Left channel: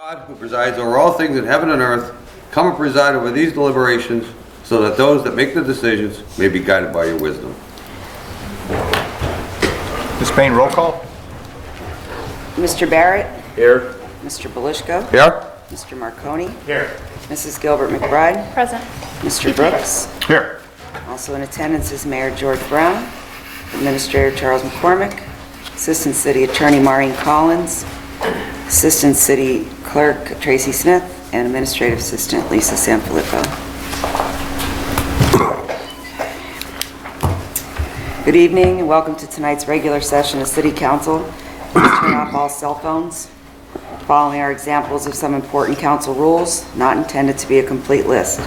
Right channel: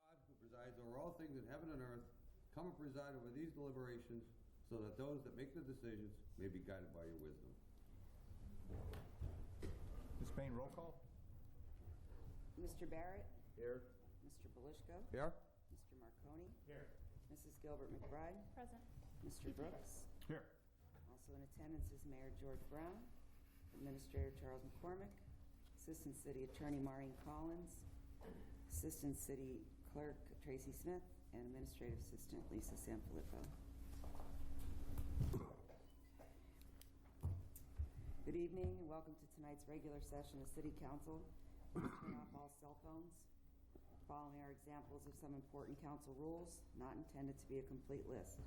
God, who presides over all things in heaven and earth, come and preside over these deliberations, so that those that make the decisions may be guided by your wisdom. Ms. Payne, roll call. Mr. Barrett? Here. Mr. Belishko? Here. Mr. Marconi? Here. Mrs. Gilbert McBride? Present. Mr. Brooks? Here. Also in attendance is Mayor George Brown, Administrator Charles McCormick, Assistant City Attorney Maureen Collins, Assistant City Clerk Tracy Smith, and Administrative Assistant Lisa Sanfilippo. Good evening and welcome to tonight's regular session of City Council. Please turn off all cell phones. Following are examples of some important council rules, not intended to be a complete list.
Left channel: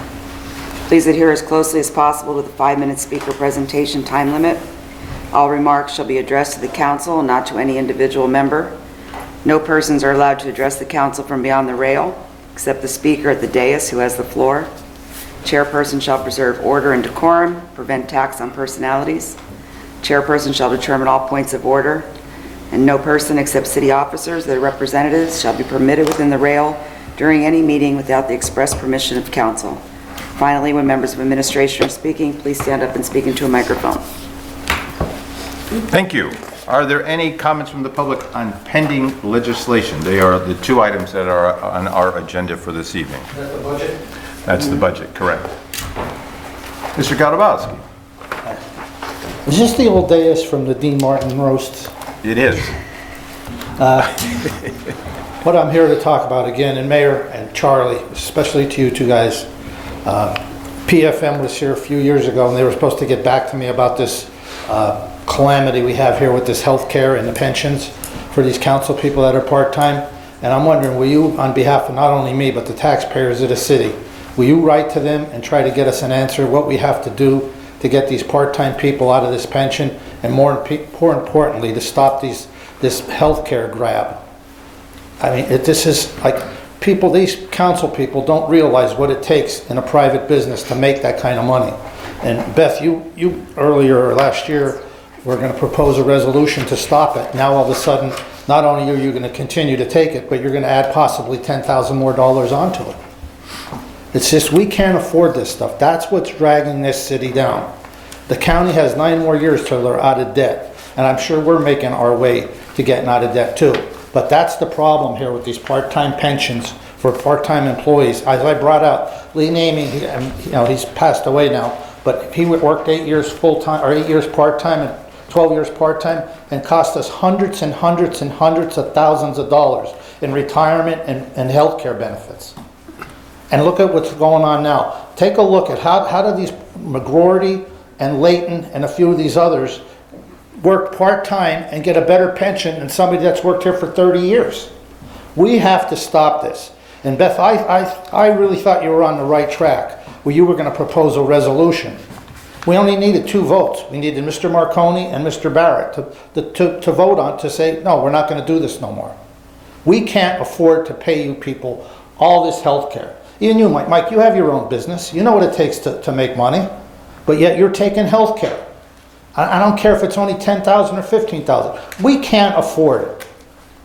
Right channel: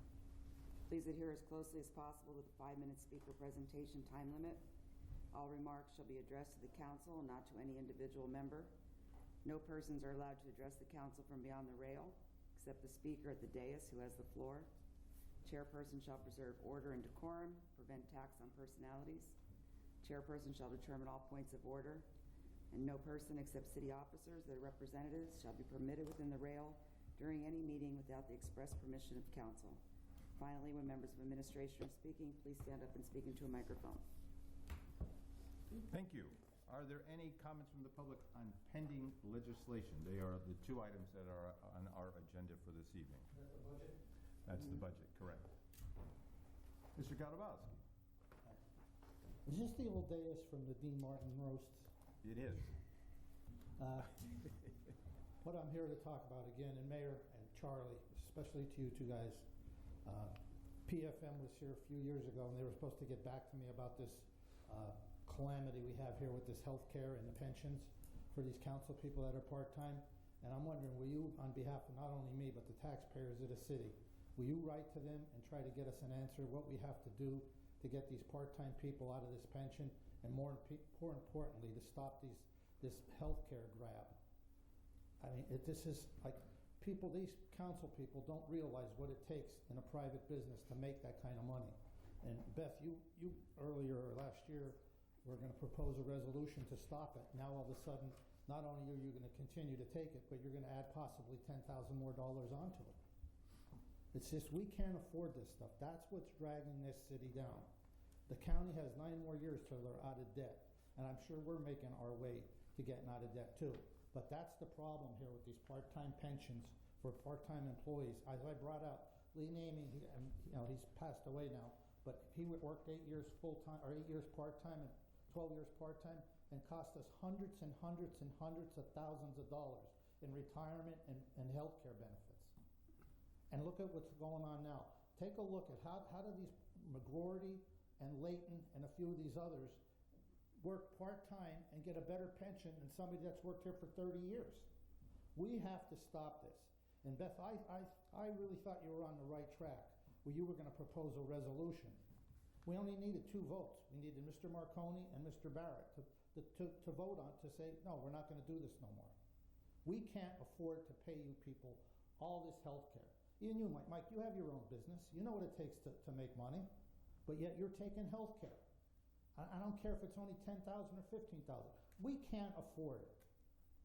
Please adhere as closely as possible to the 5-minute speaker presentation time limit. All remarks shall be addressed to the council and not to any individual member. No persons are allowed to address the council from beyond the rail, except the speaker at the dais who has the floor. Chairperson shall preserve order and decorum, prevent attacks on personalities. Chairperson shall determine all points of order, and no person except city officers, their representatives, shall be permitted within the rail during any meeting without the express permission of council. Finally, when members of administration are speaking, please stand up and speak into a microphone. Thank you. Are there any comments from the public on pending legislation? They are the two items that are on our agenda for this evening. Is that the budget? That's the budget, correct. Mr. Gadowski. Is this the old dais from the Dean Martin roast? It is. What I'm here to talk about again, and Mayor and Charlie, especially to you two guys, PFM was here a few years ago and they were supposed to get back to me about this calamity we have here with this health care and the pensions for these council people that are part-time. And I'm wondering, will you, on behalf of not only me, but the taxpayers of the city, will you write to them and try to get us an answer what we have to do to get these part-time people out of this pension, and more importantly, to stop this health care grab? I mean, this is like these council people don't realize what it takes in a private business to make that kind of money. And Beth, you earlier last year were going to propose a resolution to stop it. Now all of a sudden, not only are you going to continue to take it, but you're going to add possibly $10,000 more onto it. It's just, we can't afford this stuff. That's what's dragging this city down. The county has 9 more years till they're out of debt. And I'm sure we're making our way to getting out of debt too. But that's the problem here with these part-time pensions for part-time employees. As I brought out, Lee Namey, he's passed away now, but he worked 8 years full-time, or 8 years part-time and 12 years part-time, and cost us hundreds and hundreds and hundreds of thousands of dollars in retirement and health care benefits. And look at what's going on now. Take a look at how do these McGroarty and Layton and a few of these others work part-time and get a better pension than somebody that's worked here for 30 years. We have to stop this. And Beth, I really thought you were on the right track where you were going to propose a resolution. We only needed 2 votes. We needed Mr. Marconi and Mr. Barrett to vote on, to say, no, we're not going to do this no more. We can't afford to pay you people all this health care. Even you, Mike, you have your own business. You know what it takes to make money, but yet you're taking health care. I don't care if it's only $10,000 or $15,000. We can't afford it.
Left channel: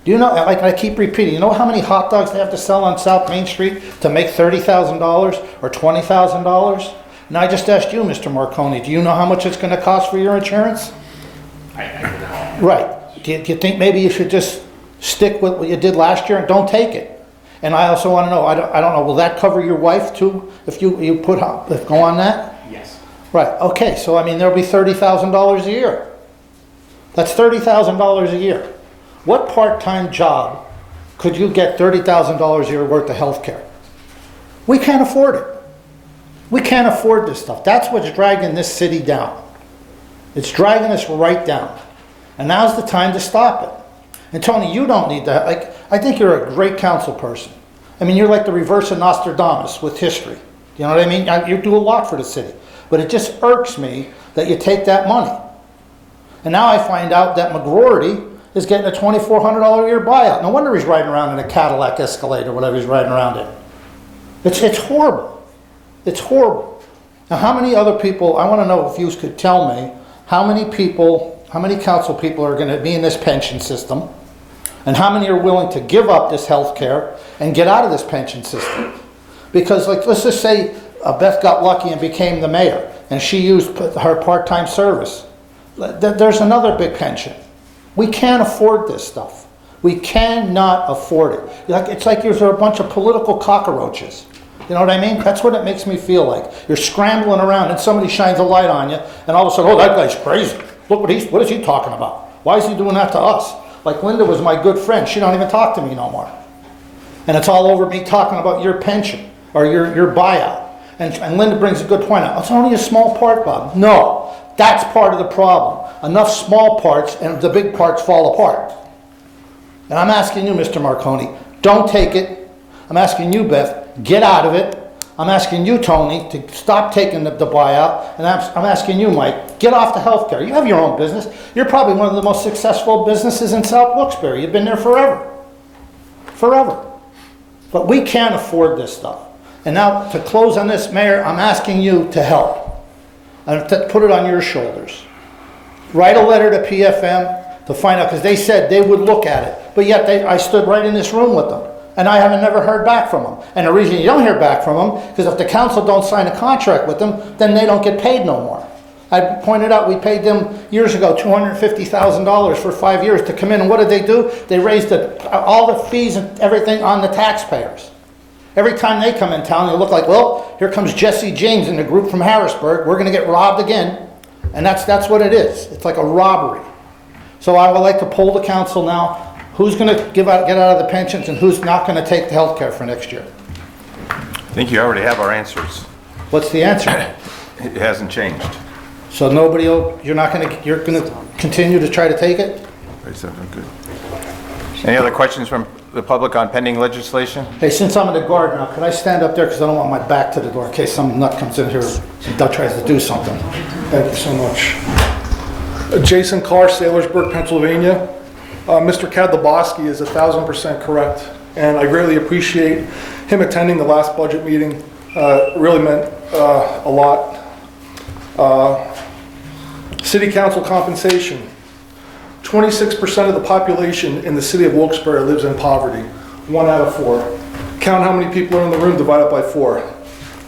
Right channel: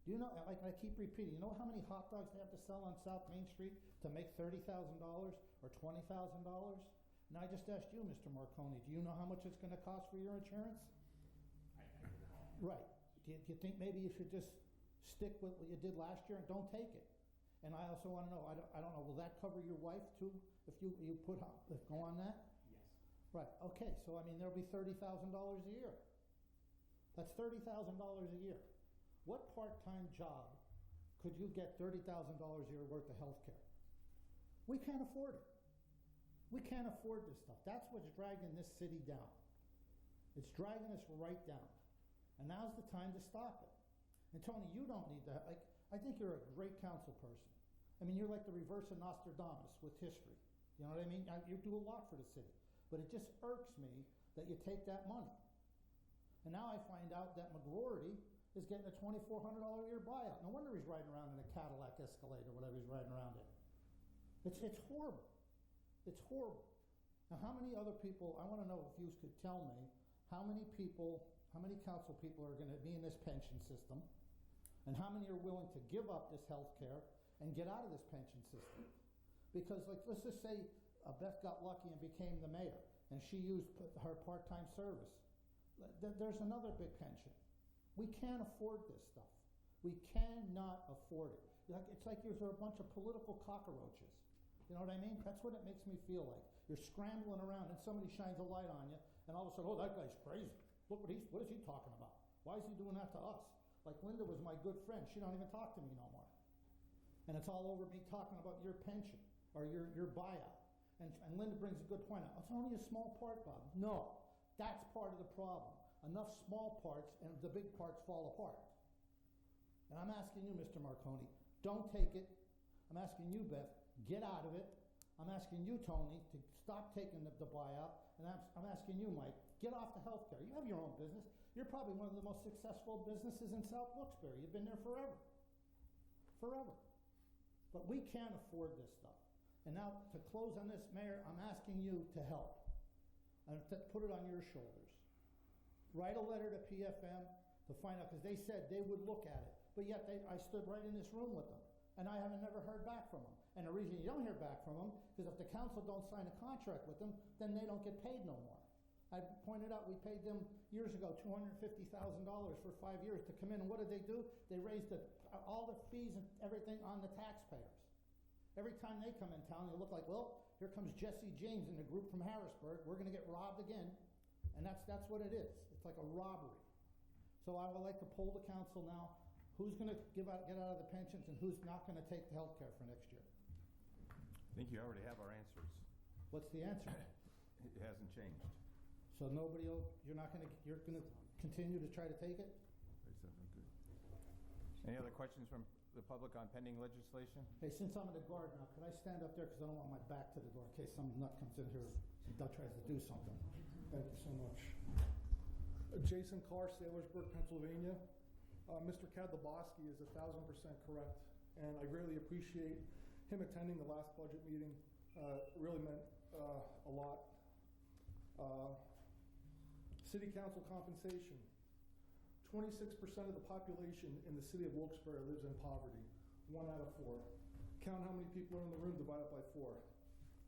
Do you know, like I keep repeating, you know how many hot dogs they have to sell on South Main Street to make $30,000 or $20,000? Now I just asked you, Mr. Marconi, do you know how much it's going to cost for your insurance? I know. Right. Do you think maybe you should just stick with what you did last year and don't take it? And I also want to know, I don't know, will that cover your wife too, if you go on that? Yes. Right, okay, so I mean, there'll be $30,000 a year. That's $30,000 a year. What part-time job could you get $30,000 a year worth of health care? We can't afford it. We can't afford this stuff. That's what's dragging this city down. It's dragging us right down. And now's the time to stop it. And Tony, you don't need that. Like, I think you're a great council person. I mean, you're like the reverse of Nostradamus with history. You know what I mean? You do a lot for the city. But it just irks me that you take that money. And now I find out that McGroarty is getting a $2,400 a year buyout. No wonder he's riding around in a Cadillac Escalade or whatever he's riding around in. It's horrible. It's horrible. Now, how many other people, I want to know if you could tell me, how many council people are going to be in this pension system And how many are willing to give up this health care and get out of this pension system? Because, like, let's just say Beth got lucky and became the mayor, and she used her part-time service. There's another big pension. We can't afford this stuff. We cannot afford it. It's like there's a bunch of political cockroaches. You know what I mean? That's what it makes me feel like. You're scrambling around and somebody shines a light on you, and all of a sudden, oh, that guy's crazy. Look what is he talking about? Why is he doing that to us? Like Linda was my good friend. She don't even talk to me no more. And it's all over me talking about your pension or your buyout. And Linda brings a good point out. It's only a small part, Bob. No, that's part of the problem. Enough small parts and the big parts fall apart. And I'm asking you, Mr. Marconi, don't take it. I'm asking you, Beth, get out of it. I'm asking you, Tony, to stop taking the buyout. And I'm asking you, Mike, get off the healthcare. You have your own business. You're probably one of the most successful businesses in South Wilkes-Barre. You've been there forever. Forever. But we can't afford this stuff. And now, to close on this, Mayor, I'm asking you to help. And to put it on your shoulders. Write a letter to PFM to find out, because they said they would look at it. But yet, I stood right in this room with them. And I haven't never heard back from them. And the reason you don't hear back from them, because if the council don't sign a contract with them, then they don't get paid no more. I pointed out we paid them years ago $250,000 for 5 years to come in. And what did they do? They raised all the fees and everything on the taxpayers. Every time they come in town, they look like, well, here comes Jesse James and the group from Harrisburg. We're going to get robbed again. And that's what it is. It's like a robbery. So I would like to poll the council now. Who's going to get out of the pensions and who's not going to take the health care for next year? I think you already have our answers. What's the answer? It hasn't changed. So you're going to continue to try to take it? Good. Any other questions from the public on pending legislation? Hey, since I'm in the guard now, can I stand up there because I don't want my back to the door in case some nut comes in here and tries to do something? Thank you so much. Jason Carr, Sailorsburg, Pennsylvania. Mr. Kadlubowski is 1,000% correct, and I greatly appreciate him attending the last budget meeting. Really meant a lot. City council compensation. 26% of the population in the city of Wilkes-Barre lives in poverty. 1 out of 4. Count how many people are in the room, divide it by 4.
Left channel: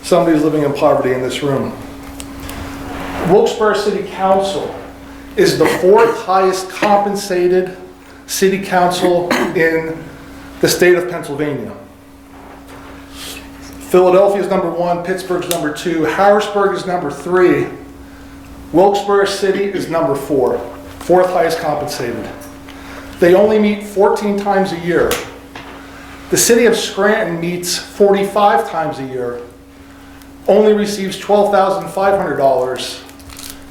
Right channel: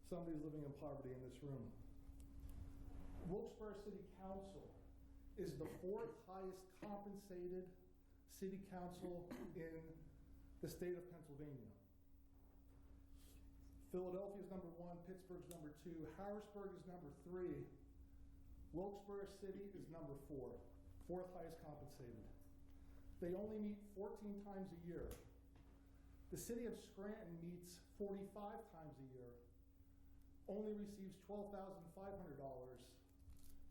Somebody's living in poverty in this room. Wilkes-Barre City Council is the 4th highest compensated city council in the state of Pennsylvania. Philadelphia is number 1, Pittsburgh's number 2, Harrisburg is number 3, Wilkes-Barre City is number 4, 4th highest compensated. They only meet 14 times a year. The city of Scranton meets 45 times a year, only receives $12,500,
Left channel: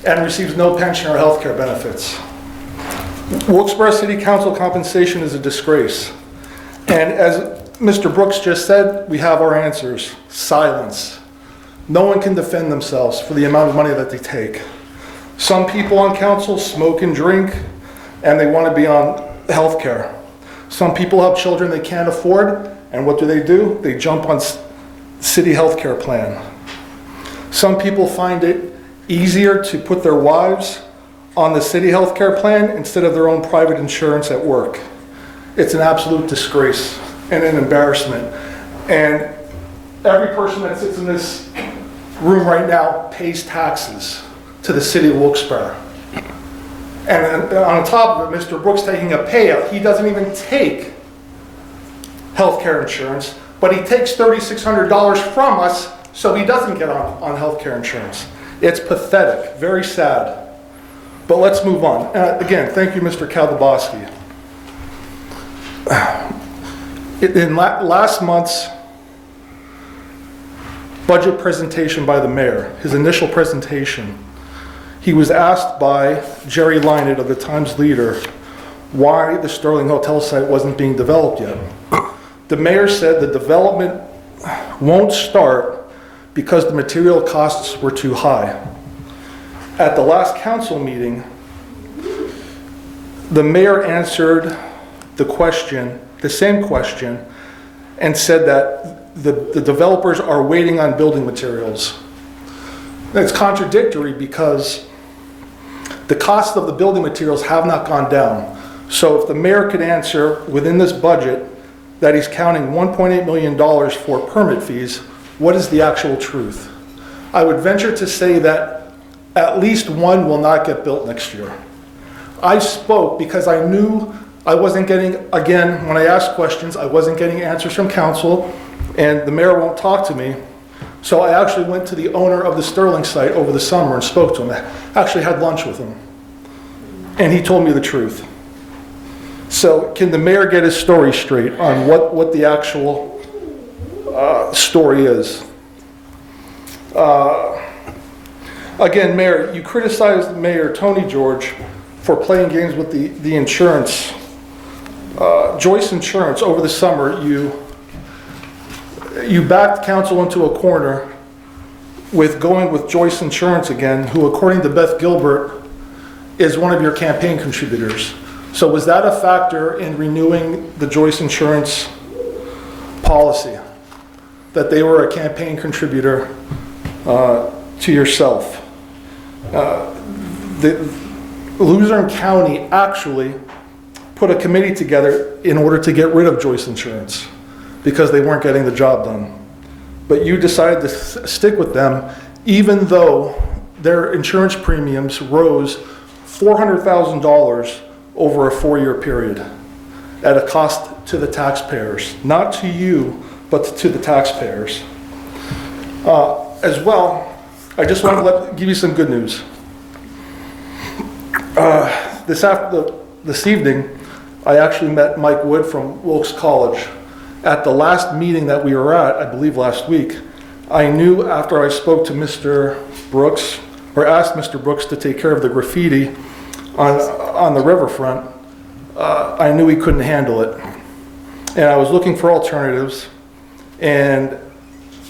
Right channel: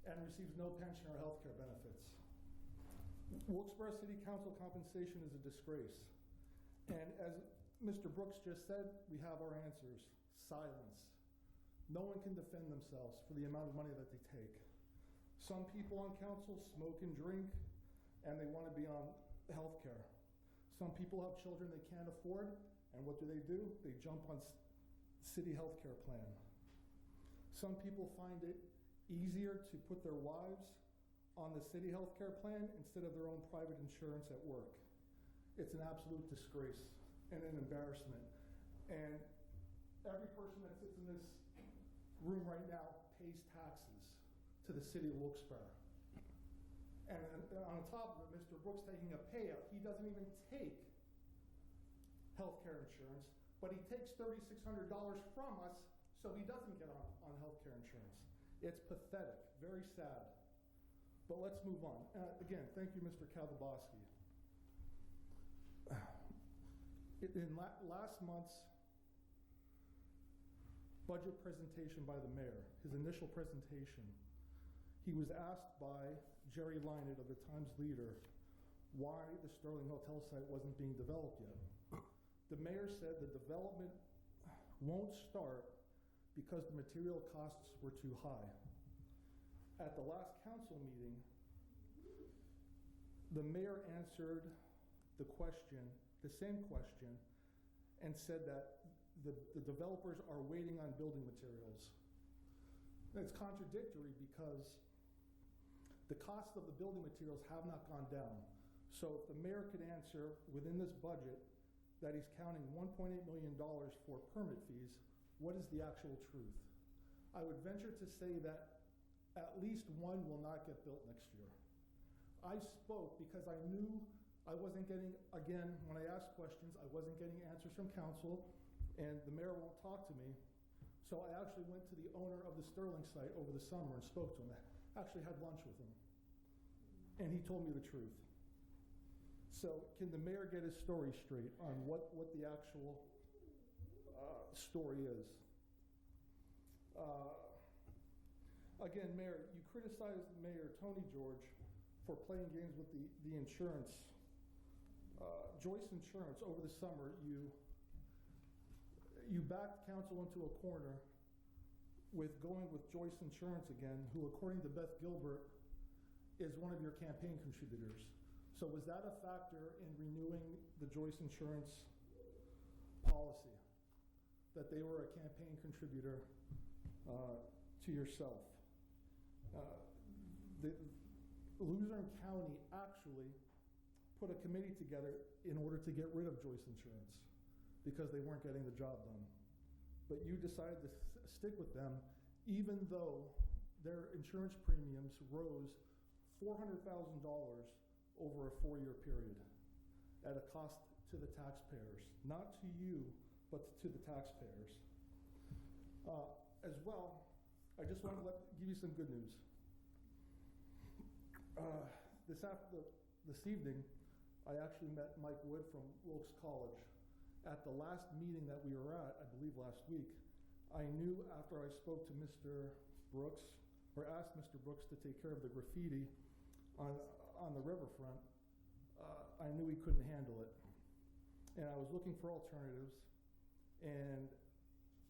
and receives no pension or health care benefits. Wilkes-Barre City Council compensation is a disgrace. And as Mr. Brooks just said, we have our answers. Silence. No one can defend themselves for the amount of money that they take. Some people on council smoke and drink, and they want to be on health care. Some people have children they can't afford, and what do? They jump on city health care plan. Some people find it easier to put their wives on the city health care plan instead of their own private insurance at work. It's an absolute disgrace and an embarrassment. And every person that sits in this room right now pays taxes to the city of Wilkes-Barre. And on top of it, Mr. Brooks taking a payout. He doesn't even take health care insurance, but he takes $3,600 from us so he doesn't get on health care insurance. It's pathetic, very sad. But let's move on. Again, thank you, Mr. Kadlubowski. In last month's budget presentation by the mayor, his initial presentation, he was asked by Jerry Lynett of the Times Leader why the Sterling Hotel site wasn't being developed yet. The mayor said the development won't start because the material costs were too high. At the last council meeting, the mayor answered the same question, and said that the developers are waiting on building materials. That's contradictory because the cost of the building materials have not gone down. So if the mayor could answer within this budget that he's counting $1.8 million for permit fees, what is the actual truth? I would venture to say that at least one will not get built next year. I spoke because I knew I wasn't getting, again, when I asked questions, I wasn't getting answers from council, and the mayor won't talk to me. So I actually went to the owner of the Sterling site over the summer and spoke to him. I actually had lunch with him. And he told me the truth. So can the mayor get his story straight on what the actual story is? Again, Mayor, you criticized Mayor Tony George for playing games with the insurance. Joyce Insurance, over the summer, you backed council into a corner with going with Joyce Insurance again, who, according to Beth Gilbert, is one of your campaign contributors. So was that a factor in renewing the Joyce Insurance policy, that they were a campaign contributor to yourself? Luzerne County actually put a committee together in order to get rid of Joyce Insurance because they weren't getting the job done. But you decided to stick with them even though their insurance premiums rose $400,000 over a 4-year period at a cost to the taxpayers, not to you, but to the taxpayers. As well, I just want to give you some good news. This evening, I actually met Mike Wood from Wilkes College. At the last meeting that we were at, I believe last week, I knew after I spoke to Mr. Brooks, or asked Mr. Brooks to take care of the graffiti on the riverfront, I knew he couldn't handle it. And I was looking for alternatives, and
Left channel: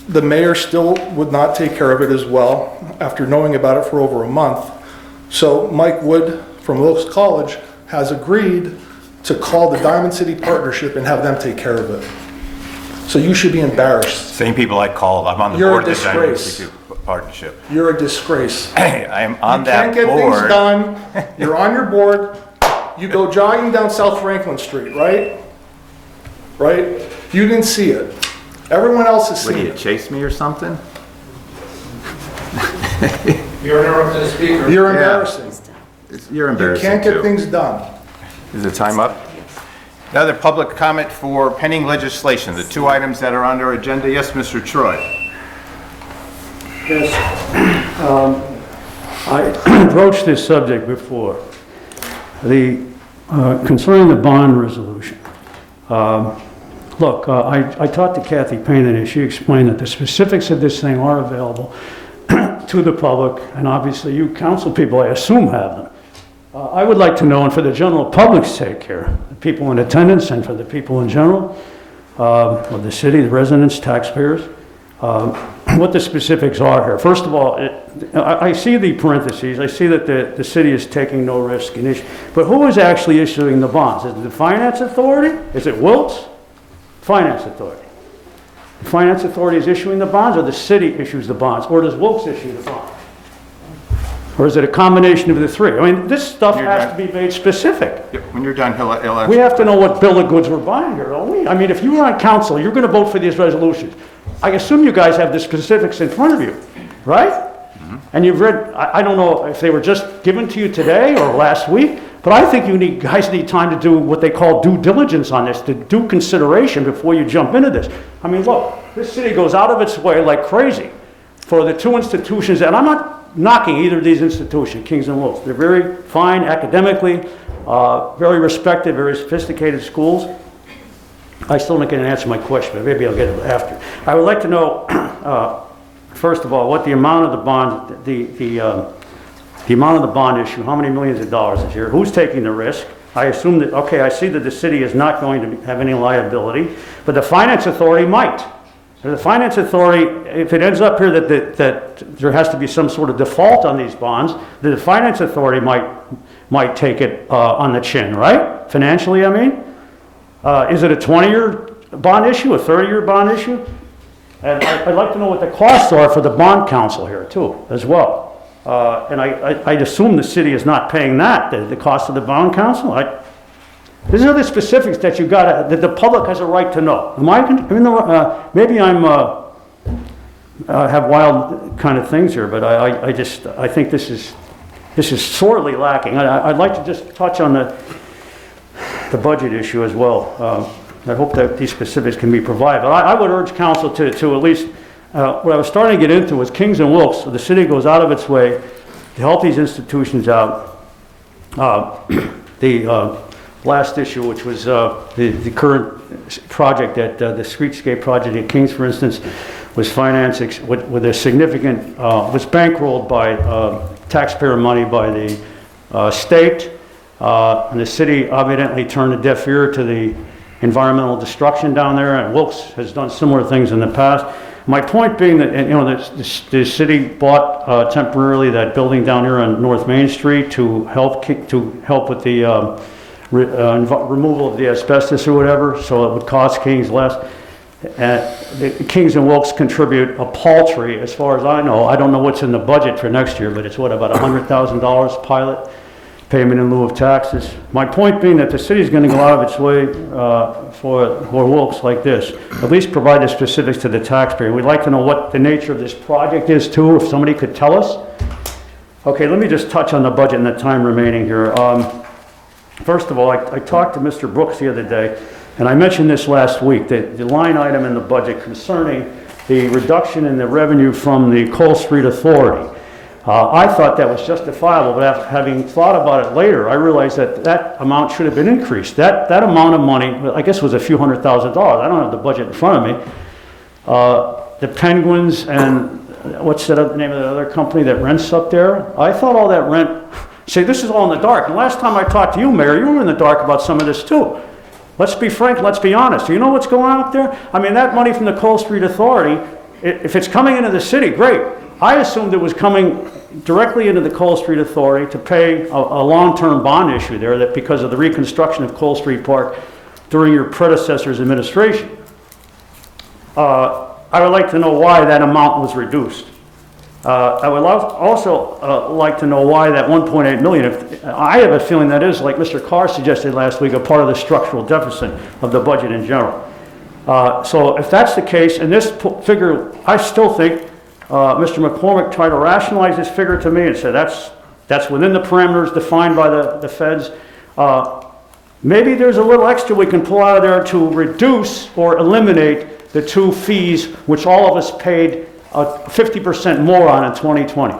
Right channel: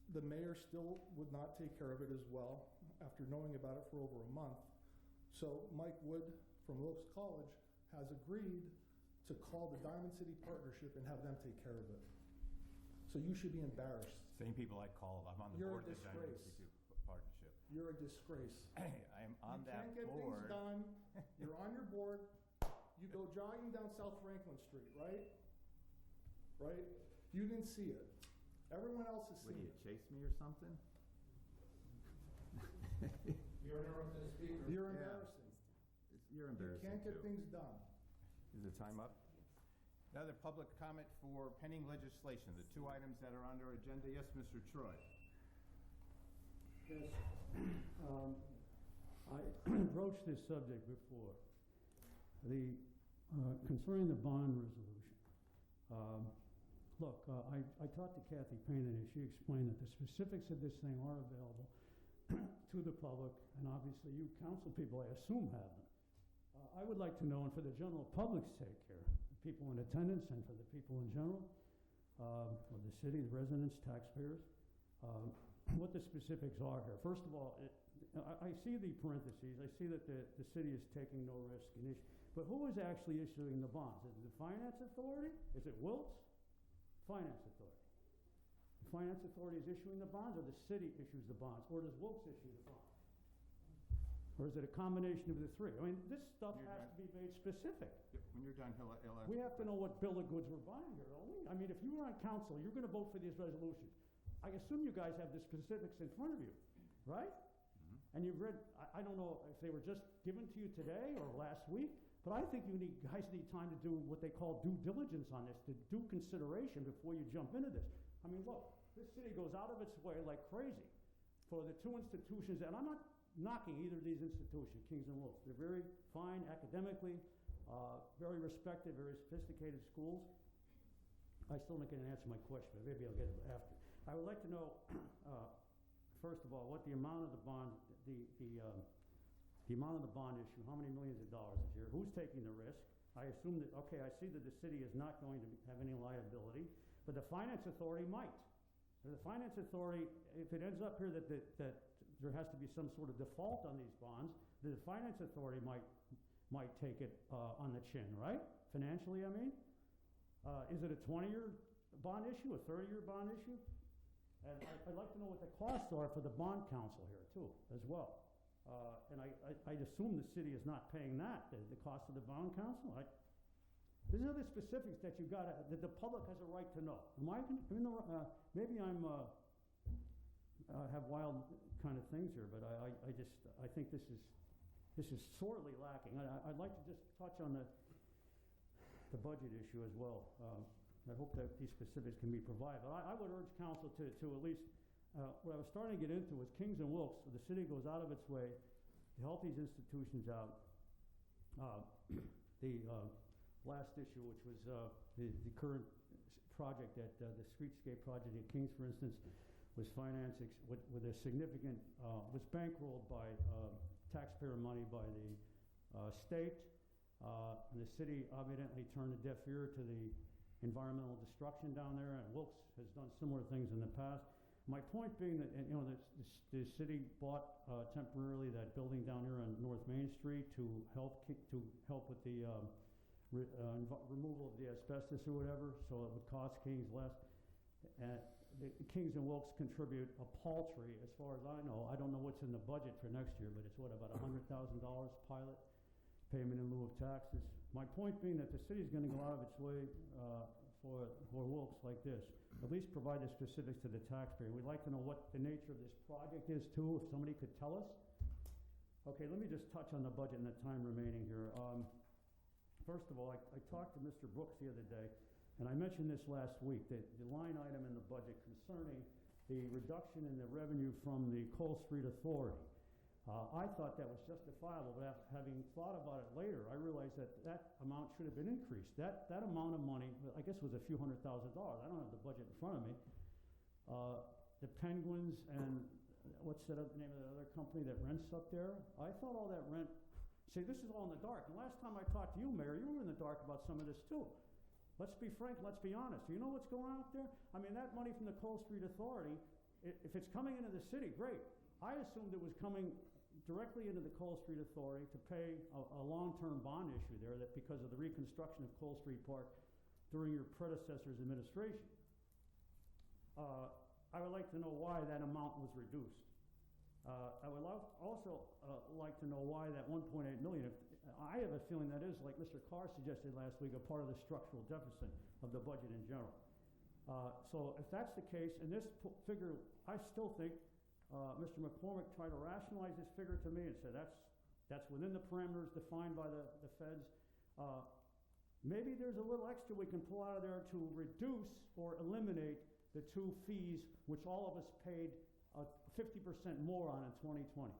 the mayor still would not take care of it as well after knowing about it for over a month. So Mike Wood from Wilkes College has agreed to call the Diamond City Partnership and have them take care of it. So you should be embarrassed. Same people I called. I'm on the You're board a of the Diamond disgrace. City Partnership. You're a disgrace. Hey, I am on that You can't get things board. done. You're on your board. You go jogging down South Franklin Street, right? Right? You didn't see it. Everyone else has Would seen you it. chase me or something? You're interrupting the speaker. You're Yeah. embarrassing. You're You embarrassing can't get too. things done. Is the time up? Another public comment for pending legislation, the two items that are on our agenda. Yes, Mr. Troy. Yes, I broached this subject before. Concerning the bond resolution. Look, I talked to Kathy Payne and she explained that the specifics of this thing are available to the public, and obviously you council people, I assume, have them. I would like to know, and for the general public's sake here, the people in attendance and for the people in general, of the city, the residents, taxpayers, what the specifics are here. First of all, I see the parentheses, I see that the city is taking no risk, but who is actually issuing the bonds? Is it the Finance Authority? Is it Wilkes? Finance Authority. The Finance Authority is issuing the bonds, or the city issues the bonds, or does Wilkes issue the bonds? Or is it a combination of the three? I mean, this stuff has to be made specific. Yep, when you're done, he'll answer. We have to know what bill of goods we're buying here, don't we? I mean, if you were on council, you're going to vote for these resolutions. I assume you guys have the specifics in front of you, right? And you've read, I don't know if they were just given to you today or last week, but I think guys need time to do what they call due diligence on this, to do consideration before you jump into this. I mean, look, this city goes out of its way like crazy for the two institutions, and I'm not knocking either of these institutions, Kings and Wilkes. They're very fine academically, very respected, very sophisticated schools. I still not going to answer my question, but maybe I'll get it after. I would like to know, first of all, what the amount of the bond, the amount of the bond issue, how many millions of dollars is here, who's taking the risk? I assume that, okay, I see that the city is not going to have any liability, but the Finance Authority might. The Finance Authority, if it ends up here that there has to be some sort of default on these bonds, the Finance Authority might take it on the chin, right? Financially, I mean. Is it a 20-year bond issue, a 30-year bond issue? And I'd like to know what the costs are for the bond council here too, as well. And I'd assume the city is not paying that, the cost of the bond council. These are the specifics that that the public has a right to know. Maybe I'm have wild kind of things here, but I think this is sorely lacking. I'd like to just touch on the budget issue as well. I hope that these specifics can be provided. But I would urge council to at least, what I was starting to get into was Kings and Wilkes, so the city goes out of its way to help these institutions out. The last issue, which was the current project the streetscape project at Kings, for instance, was financed with a significant, was bankrolled by taxpayer money by the state. And the city evidently turned a deaf ear to the environmental destruction down there, and Wilkes has done similar things in the past. My point being that, the city bought temporarily that building down here on North Main Street to help with the removal of the asbestos or whatever, so it would cost Kings less. The Kings and Wilkes contribute a paltry, as far as I know. I don't know what's in the budget for next year, but it's about $100,000 pilot payment in lieu of taxes. My point being that the city's going to go out of its way for Wilkes like this. At least provide the specifics to the taxpayer. We'd like to know what the nature of this project is too, if somebody could tell us. Okay, let me just touch on the budget in the time remaining here. First of all, I talked to Mr. Brooks the other day, and I mentioned this last week, that the line item in the budget concerning the reduction in the revenue from the Cole Street Authority. I thought that was justifiable, but after having thought about it later, I realized that amount should have been increased. That amount of money, I guess, was a few $100,000. I don't have the budget in front of me. The Penguins and what's the name of the other company that rents up there? I thought all that rent. See, this is all in the dark. And last time I talked to you, Mayor, you were in the dark about some of this too. Let's be frank, let's be honest. Do you know what's going on up there? I mean, that money from the Cole Street Authority, if it's coming into the city, great. I assumed it was coming directly into the Cole Street Authority to pay a long-term bond issue there, that because of the reconstruction of Cole Street Park during your predecessor's administration. I would like to know why that amount was reduced. I would also like to know why that 1.8 million, I have a feeling that is, like Mr. Carr suggested last week, a part of the structural deficit of the budget in general. So if that's the case, and this figure, I still think Mr. McCormick tried to rationalize this figure to me and said that's within the parameters defined by the feds. Maybe there's a little extra we can pull out of there to reduce or eliminate the two fees which all of us paid 50% more on in 2020.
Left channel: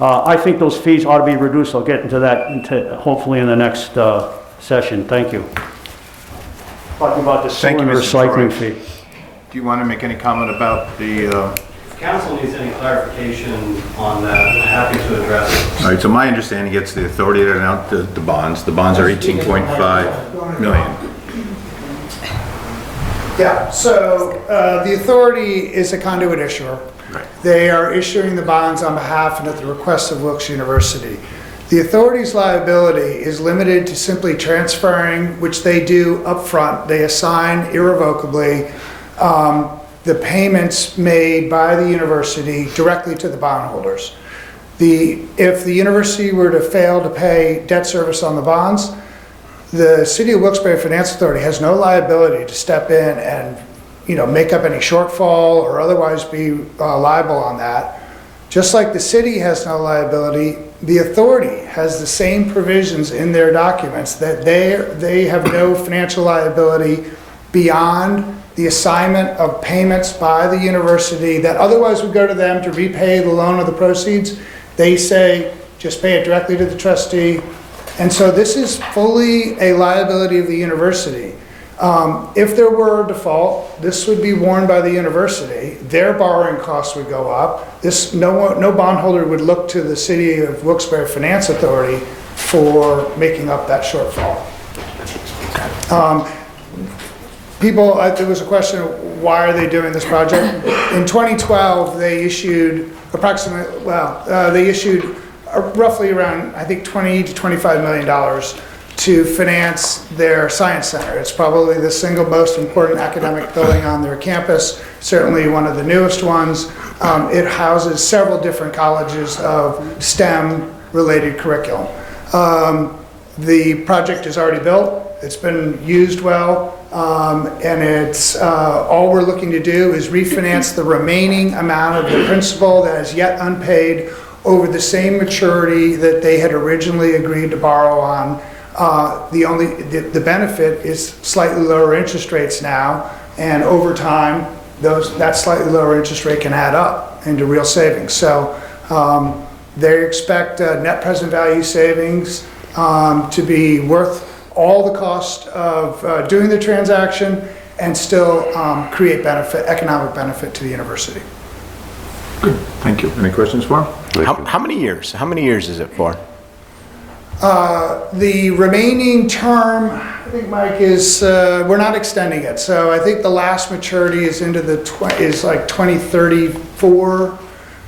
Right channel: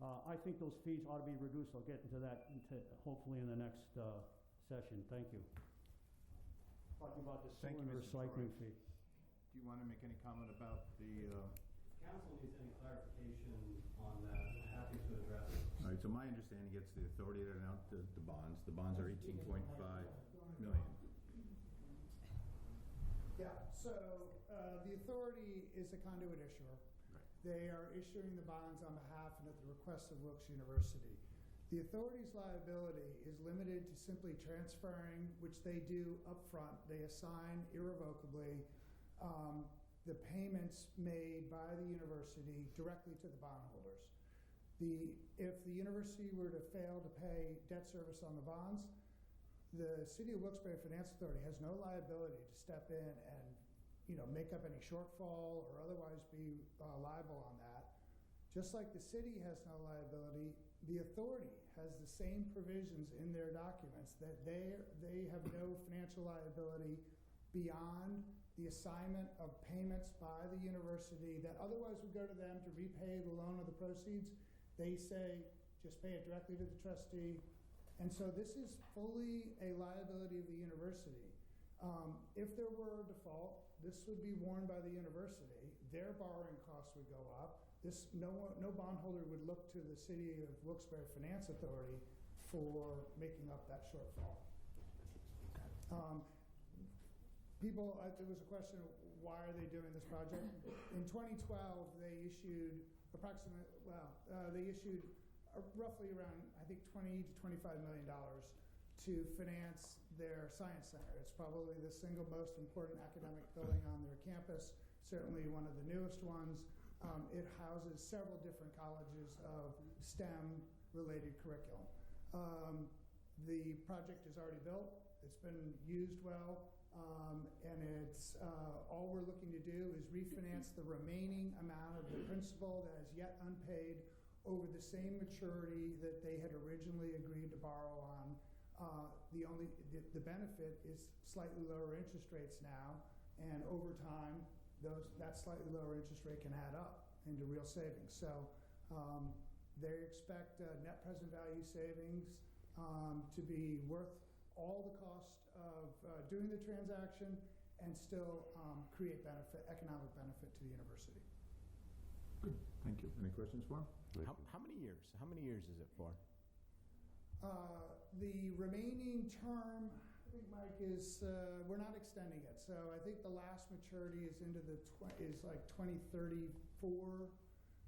I think those fees ought to be reduced. I'll get into that hopefully in the next session. Thank you. Talking about the Thank you, cylinder Mr. recycling Troy. fee. Do you want to make any comment about the... If council needs any clarification on that, I'm happy to address it. All right, so my understanding, it's the authority to announce the bonds. The bonds are 18.5 million. Yeah, so the authority is a conduit issuer. Right. They are issuing the bonds on behalf and at the request of Wilkes University. The authority's liability is limited to simply transferring, which they do upfront. They assign irrevocably the payments made by the university directly to the bondholders. If the university were to fail to pay debt service on the bonds, the City of Wilkes-Barre Finance Authority has no liability to step in and, make up any shortfall or otherwise be liable on that. Just like the city has no liability, the authority has the same provisions in their documents that they have no financial liability beyond the assignment of payments by the university that otherwise would go to them to repay the loan or the proceeds. They say, just pay it directly to the trustee. And so this is fully a liability of the university. If there were a default, this would be borne by the university. Their borrowing costs would go up. No bondholder would look to the City of Wilkes-Barre Finance Authority for making up that shortfall. There was a question of why are they doing this project? In 2012, they issued roughly around, I think, $20 to $25 million to finance their science center. It's probably the single most important academic building on their campus, certainly one of the newest ones. It houses several different colleges of STEM-related curriculum. The project is already built, it's been used well, and it's, all we're looking to do is refinance the remaining amount of the principal that is yet unpaid over the same maturity that they had originally agreed to borrow on. The benefit is slightly lower interest rates now, and over time, that slightly lower interest rate can add up into real savings. So they expect net present value savings to be worth all the cost of doing the transaction and still create benefit, economic benefit to the university. Good, thank you. Any questions for him? How many years? How many years is it for? The remaining term, I think, Mike, is, we're not extending it. So I think the last maturity is into is like 2034.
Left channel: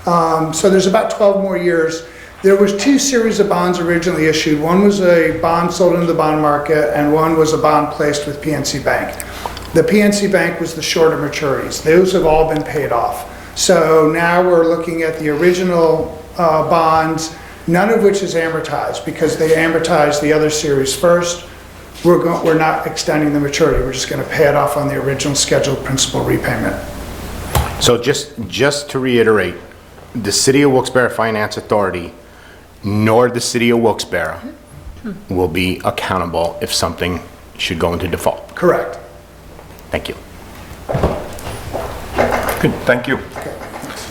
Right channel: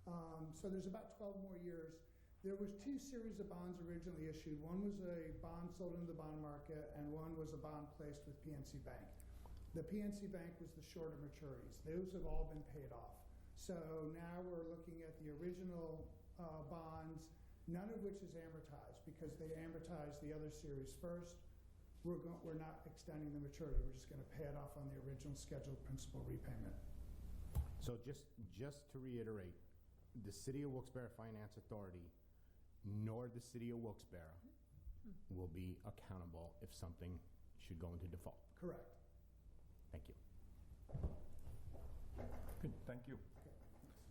So there's about 12 more years. There was 2 series of bonds originally issued. One was a bond sold into the bond market, and one was a bond placed with PNC Bank. The PNC Bank was the shorter maturities. Those have all been paid off. So now we're looking at the original bonds, none of which is amortized because they amortized the other series first. We're not extending the maturity. We're just going to pay it off on the original scheduled principal repayment. So just to reiterate, the City of Wilkes-Barre Finance Authority nor the City of Wilkes-Barre will be accountable if something should go into default. Correct. Thank you. Good, thank you.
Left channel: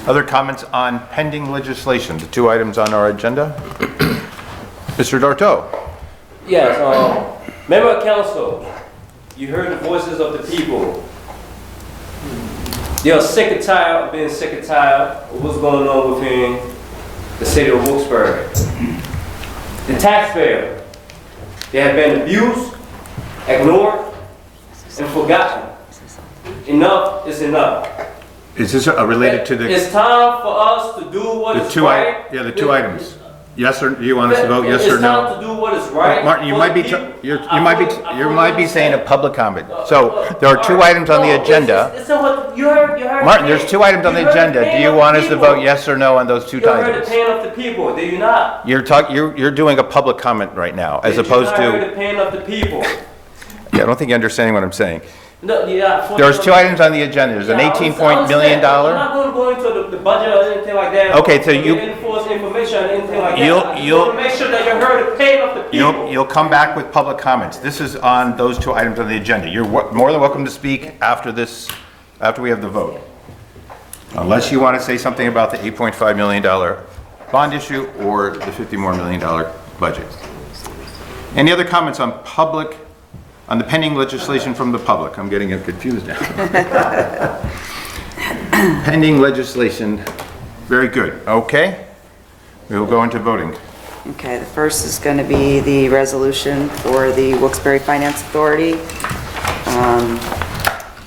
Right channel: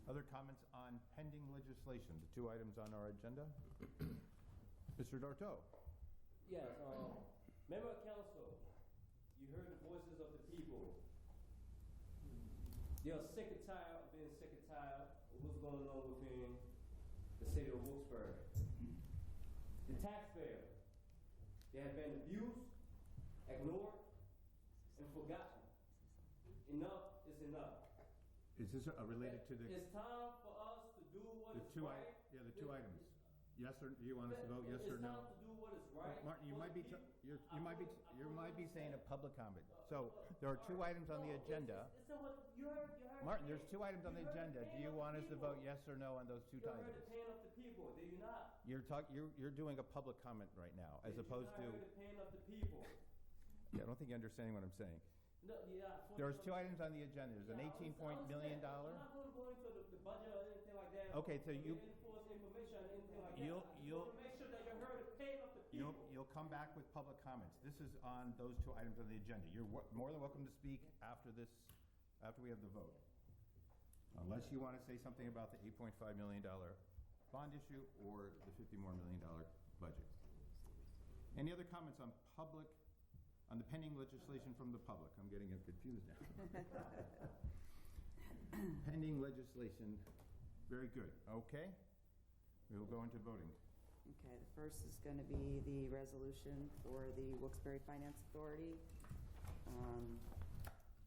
Other comments on pending legislation, the 2 items on our agenda? Mr. Darto? Yes, member of council, you heard the voices of the people. They are sick and tired of being sick and tired of what's going on within the city of Wilkes-Barre. The taxpayer, they have been abused, ignored, and forgotten. Enough is enough. Is this related to the... It's time for us to do what is right. Yeah, the 2 items. Yes or, do you want us to vote yes or It's no? time to do what is right. Martin, you for might the be, people. you might be saying a public comment. So there are 2 items on the agenda. You heard Martin, there's 2 items on the agenda. Do you want us to vote yes or no on those 2 You heard the items? pain of the people, do you not? You're doing a public comment right now, as opposed You heard to... the pain of the people. Yeah, I don't think you're understanding what I'm saying. No, yeah, There's 2 items on the agenda. There's an Yeah, $18 million. I'm not going to go into the budget or anything like that. Okay, so you- Enforce information or anything like You'll- that. I just you'll- want to make sure that you heard the pain of the people. You'll come back with public comments. This is on those 2 items on the agenda. You're more than welcome to speak after we have the vote. Unless you want to say something about the $8.5 million bond issue or the $50 million budget. Any other comments on the pending legislation from the public? I'm getting confused now. Pending legislation, very good. Okay, we will go into voting. Okay, the first is going to be the resolution for the Wilkes-Barre Finance Authority,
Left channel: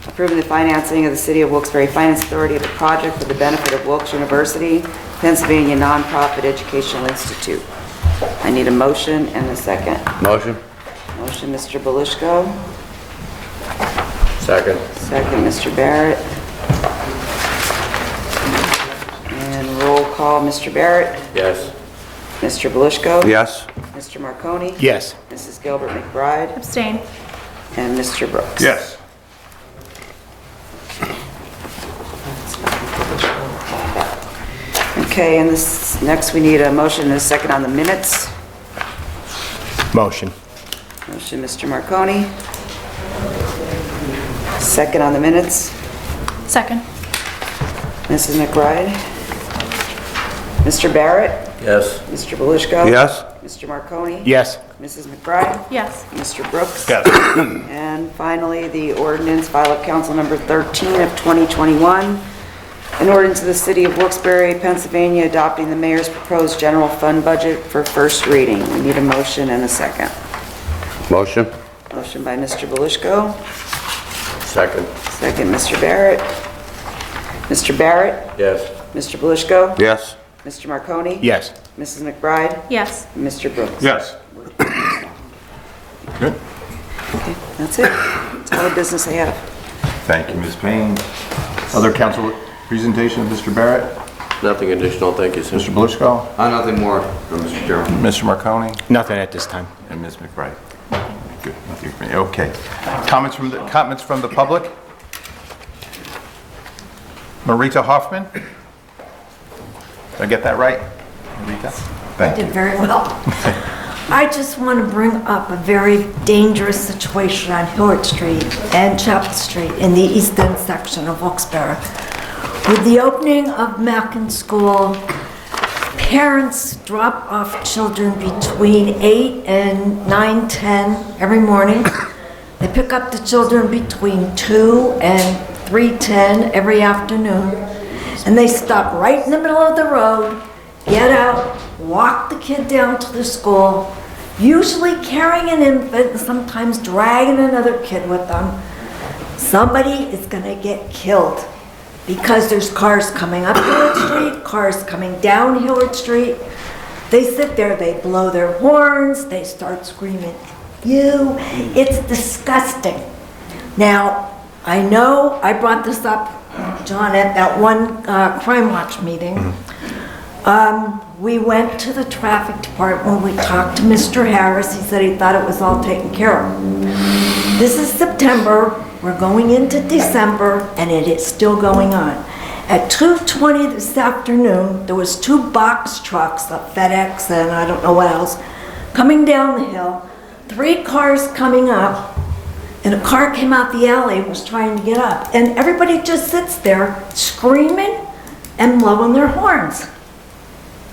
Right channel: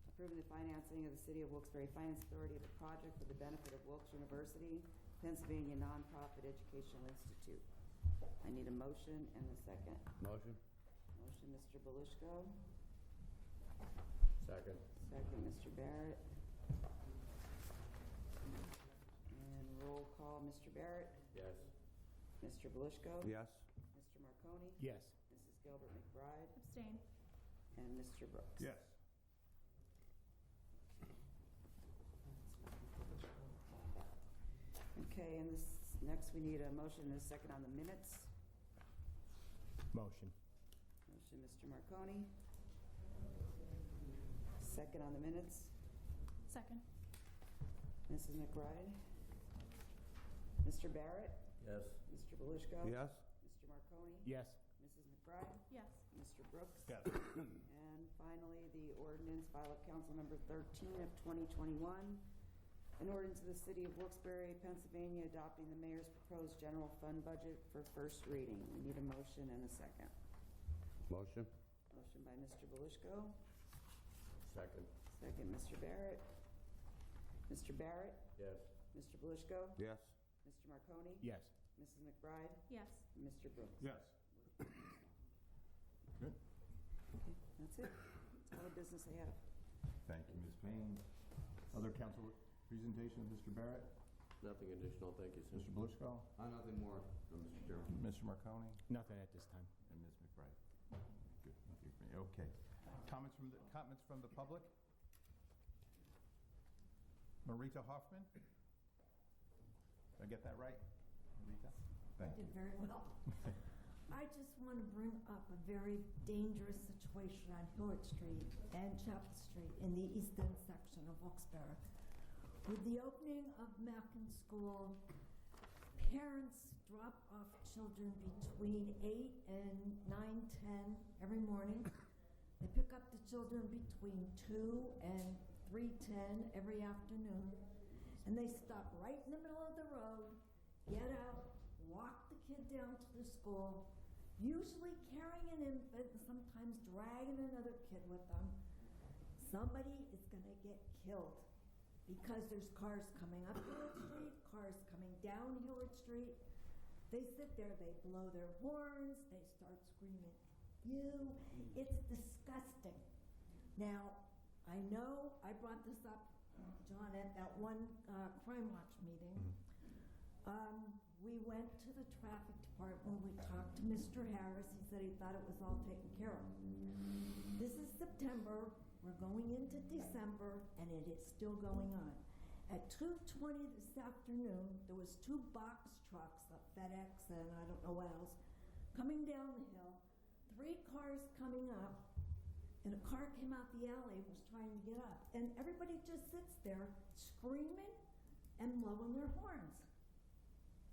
approving the financing of the City of Wilkes-Barre Finance Authority of a project for the benefit of Wilkes University, Pennsylvania Nonprofit Educational Institute. I need a motion and a second. Motion? Motion, Mr. Belishko. Second. Second, Mr. Barrett. And roll call, Mr. Barrett. Yes. Mr. Belishko. Yes. Mr. Marconi. Yes. Mrs. Gilbert McBride. Abstain. And Mr. Brooks. Yes. Okay, and this, next we need a motion and a second on the minutes. Motion. Motion, Mr. Marconi. Second on the minutes, Second. Mrs. McBride. Mr. Barrett. Yes. Mr. Belishko. Yes. Mr. Marconi. Yes. Mrs. McBride. Yes. Mr. Brooks. Yes. And finally, the ordinance, file of council number 13 of 2021, an ordinance of the City of Wilkes-Barre, Pennsylvania, adopting the mayor's proposed general fund budget for first reading. We need a motion and a second. Motion? Motion by Mr. Belishko, Second. second Mr. Barrett. Mr. Barrett, Yes. Mr. Belishko, Yes. Mr. Marconi, Yes. Mrs. McBride, Yes. and Mr. Brooks. Yes. Good. Okay, that's it. That's all the business I have. Thank you, Ms. Payne. Other council presentation of Mr. Barrett? Nothing additional, thank you, sir. Mr. Belishko? Nothing more, Mr. Chairman. Mr. Marconi? Nothing at this time. And and Ms. McBride. Good. Okay. Comments from the public? Marita Hoffman? Did I get that right? Marita? Thank you. Did very well. I just want to bring up a very dangerous situation on Hillard Street and Chapel Street in the east end section of Wilkes-Barre. With the opening of Mackin School, parents drop off children between 8 and 9:10 every morning. They pick up the children between 2 and 3:10 every afternoon. And they stop right in the middle of the road, get out, walk the kid down to the school, usually carrying an infant and sometimes dragging another kid with them. Somebody is going to get killed because there's cars coming up Hillard Street, cars coming down Hillard Street. They sit there, they blow their horns, they start screaming, "You!" It's disgusting. Now, I know I brought this up, John, at that one Crime Watch meeting. We went to the traffic department, we talked to Mr. Harris, he said he thought it was all taken care of. This is September, we're going into December, and it is still going on. At 2:20 this afternoon, there was 2 box trucks, a FedEx and I don't know what else, coming down the hill, 3 cars coming up, and a car came out the alley and was trying to get up. And everybody just sits there screaming and blowing their horns.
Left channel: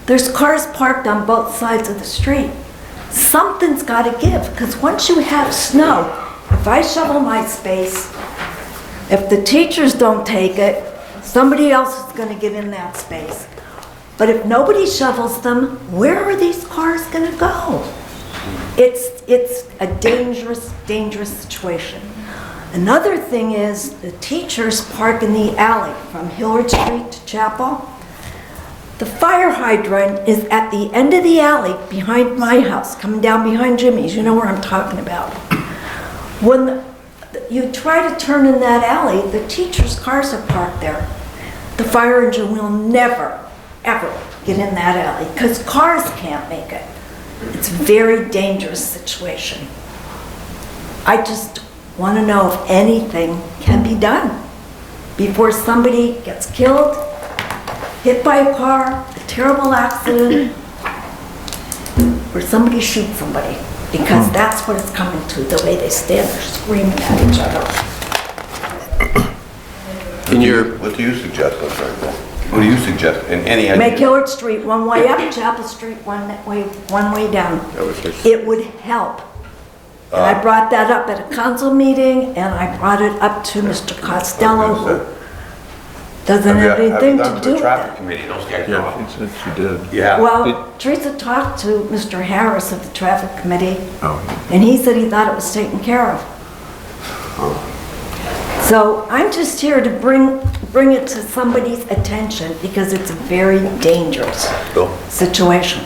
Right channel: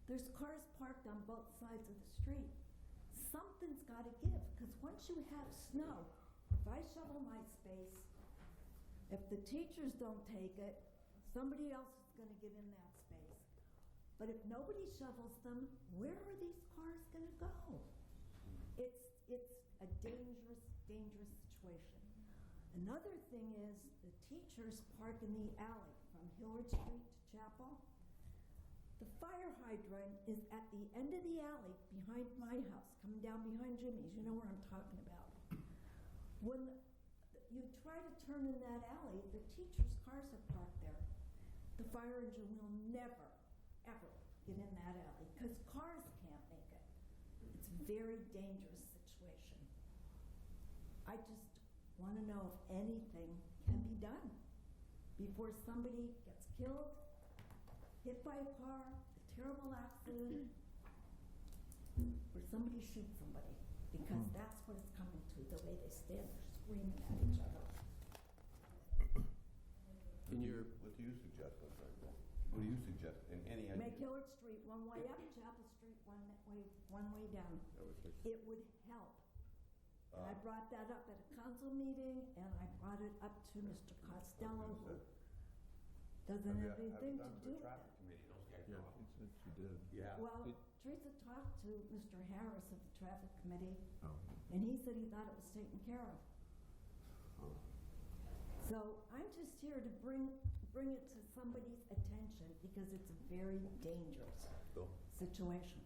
There's cars parked on both sides of the street. Something's got to give, because once you have snow, if I shovel my space, if the teachers don't take it, somebody else is going to get in that space. But if nobody shovels them, where are these cars going to go? It's a dangerous, dangerous situation. Another thing is the teachers park in the alley from Hillard Street to Chapel. The fire hydrant is at the end of the alley behind my house, coming down behind Jimmy's. You know where I'm talking about. When you try to turn in that alley, the teachers' cars are parked there. The fire engine will never, ever get in that alley because cars can't make it. It's a very dangerous situation. I just want to know if anything can be done before somebody gets killed, hit by a car, a terrible accident, or somebody shoots somebody, because that's what it's coming to, the way they stand there screaming at each other. What do you suggest, I'm sorry, Paul? What do you suggest, in any idea? Make Hillard Street one way up, Chapel Street one way down. It would help. And I brought that up at a council meeting, and I brought it up to Mr. Costello, who doesn't have anything to do with traffic it. committee, those guys. Yeah, she did. Yeah. Well, Teresa talked to Mr. Harris of the traffic committee, Oh. and he said he thought it was taken care of. So I'm just here to bring it to somebody's attention because it's a very dangerous situation.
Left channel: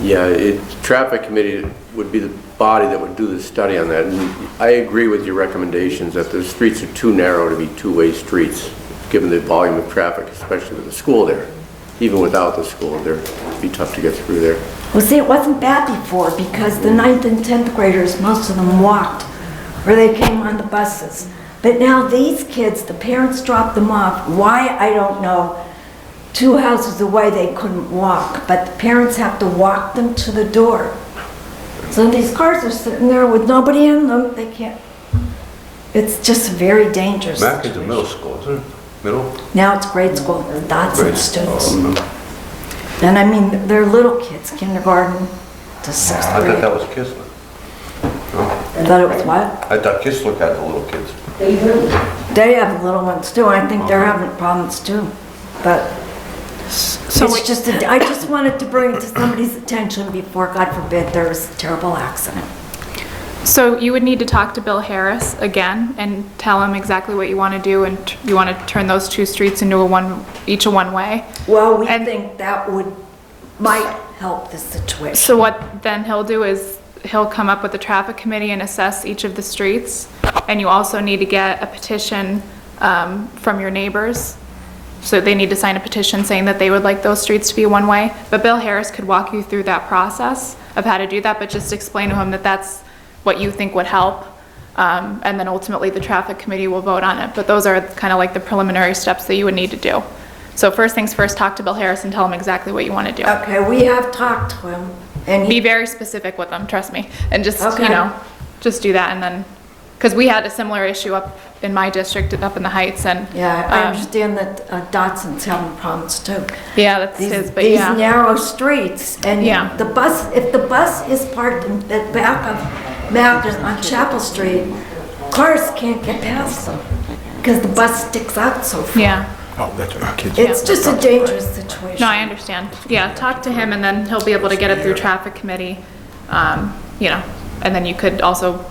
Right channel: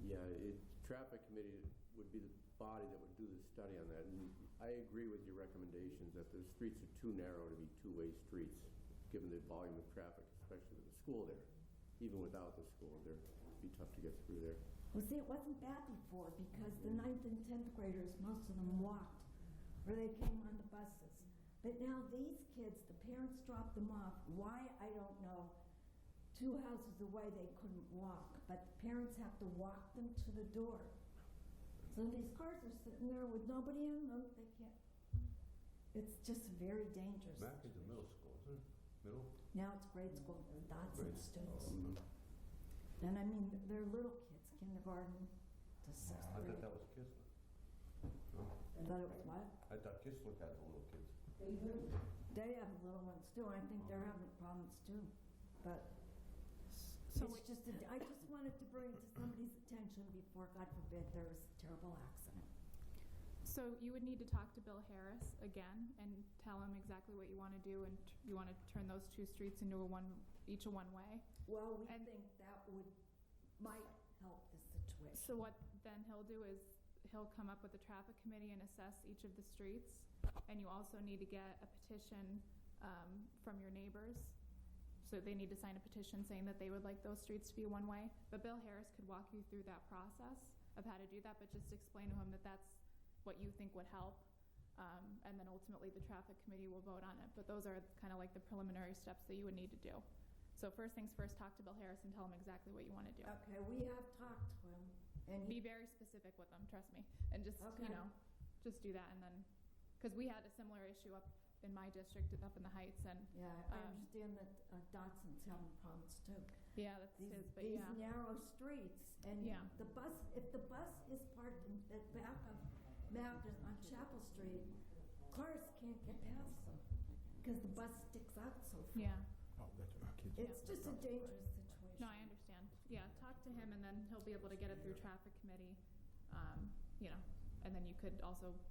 Yeah, traffic committee would be the body that would do the study on that. And I agree with your recommendations that the streets are too narrow to be two-way streets, given the volume of traffic, especially with the school there. Even without the school, it'd be tough to get through there. Well, see, it wasn't bad before because the 9th and 10th graders, most of them walked, or they came on the buses. But now these kids, the parents dropped them off. Why, I don't know. 2 houses away, they couldn't walk, but the parents have to walk them to the door. So these cars are sitting there with nobody in them. They can't. It's just very dangerous. Mackin's a middle school, isn't it? Middle? Now it's grade school, lots of students. Oh, And I mean, they're little kids, kindergarten to 6th I thought grade. that was Kistler. I thought it was what? I thought Kistler had the little kids. They have little ones too. I think they're having problems too. But it's just, I just wanted to bring it to somebody's attention before, God forbid, there's a terrible accident. So you would need to talk to Bill Harris again and tell him exactly what you want to do, and you want to turn those 2 streets into each a one-way. Well, we think that might help the situation. So what then he'll do is he'll come up with the traffic committee and assess each of the streets. And you also need to get a petition from your neighbors. So they need to sign a petition saying that they would like those streets to be one-way. But Bill Harris could walk you through that process of how to do that, but just explain to him that that's what you think would help. And then ultimately the traffic committee will vote on it. But those are kind of like the preliminary steps that you would need to do. So first things first, talk to Bill Harris and tell him exactly what you want to do. Okay, we have talked to him, and Be very specific with them, trust me. And just, Okay. you know, just do that and then, because we had a similar issue up in my district, up in the Heights, and. yeah, I understand that Dotson's having problems too. Yeah, that's his, These but yeah. narrow streets, and Yeah. the bus, if the bus is parked in the back of Mackers on Chapel Street, cars can't get past them, because the bus sticks out so far. Yeah. Oh, that's what kids. It's just a dangerous situation. No, I understand. Yeah, talk to him and then he'll be able to get it through traffic committee, you know, and then you could also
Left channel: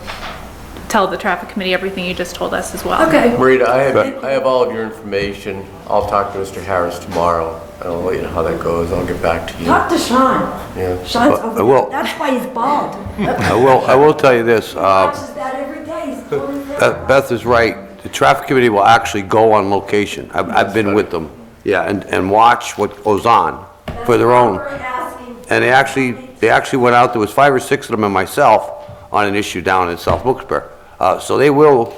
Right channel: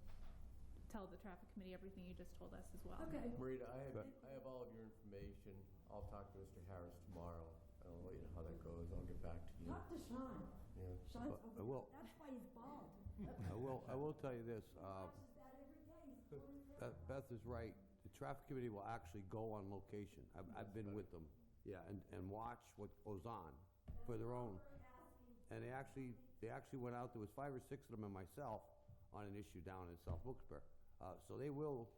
tell the traffic committee everything you just told us as well. Okay, Marita, I have all of your information. I'll talk to Mr. Harris tomorrow, and I'll let you know how that goes. I'll get back to you. talk to Sean. Yeah. Sean's I over will. there. That's why he's bald. I will tell you this, Watches that every day. He's totally different. Beth is right. The traffic committee will actually go on location. I've been with them, yeah, and watch what goes on for their own. We're asking. And they actually went out, there was 5 or 6 of them and myself on an issue down in South Wilkes-Barre. So they will,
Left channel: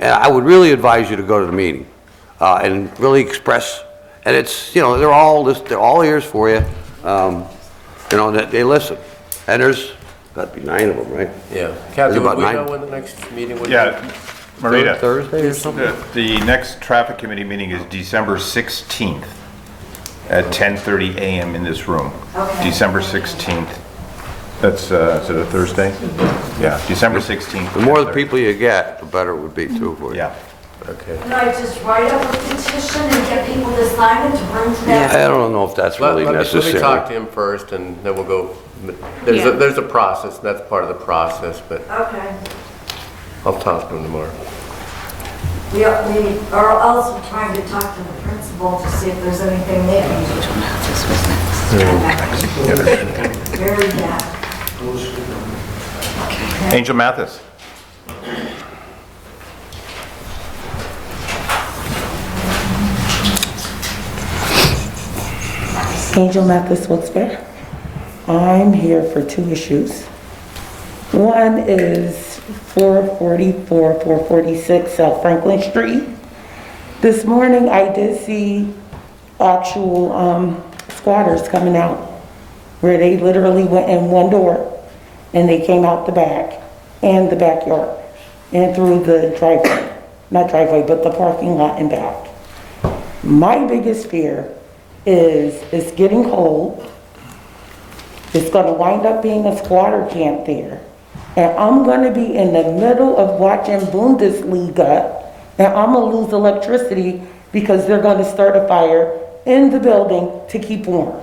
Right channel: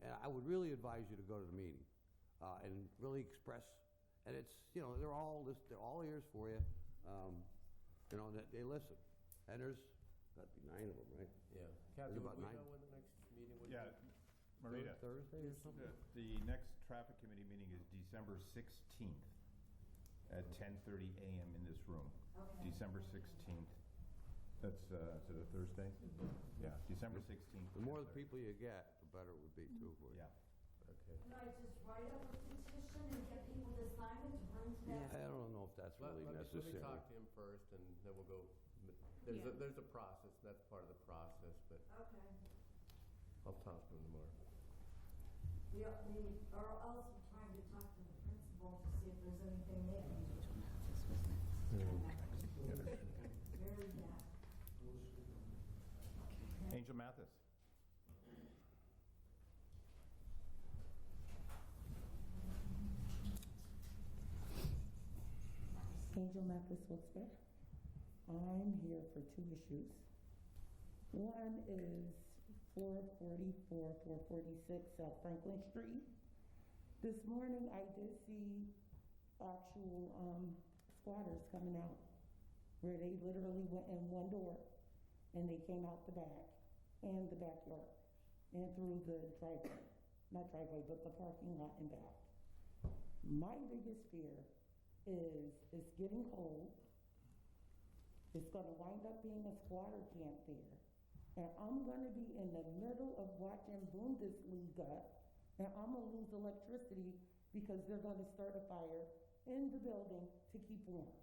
and I would really advise you to go to the meeting, and really express, and it's, you know, they're all ears for you, you know, they listen. And there's, got to be 9 of them, right? Yeah. Kathy, about would we 9? know when the next meeting would be? Yeah, Marita. Thursday or something? The next traffic committee meeting is December 16th at 10:30 a.m. in this room. Okay. December 16th. That's, is it a Thursday? Yeah, December 16th. The more the people you get, the better it would be too for you. Yeah. Okay. Can I just write up a petition and get people to sign it to bring to that? I don't know if that's really Let me talk necessary. to him first, and then we'll go. Yeah. There's a process, and that's part of the process, but Okay. I'll talk to him tomorrow. We are also trying to talk to the principal to see if there's anything there. Very bad. Angel Mathis. Angel Mathis, Wilkes-Barre. I'm here for 2 issues. One is 444, 446 South Franklin Street. This morning I did see actual squatters coming out where they literally went in one door and they came out the back and the backyard and through the driveway, not driveway, but the parking lot and back. My biggest fear is it's getting cold. It's gonna wind up being a squatter camp there. And I'm gonna be in the middle of watching Bundesliga and I'm gonna lose electricity because they're gonna start a fire in the building to keep warm.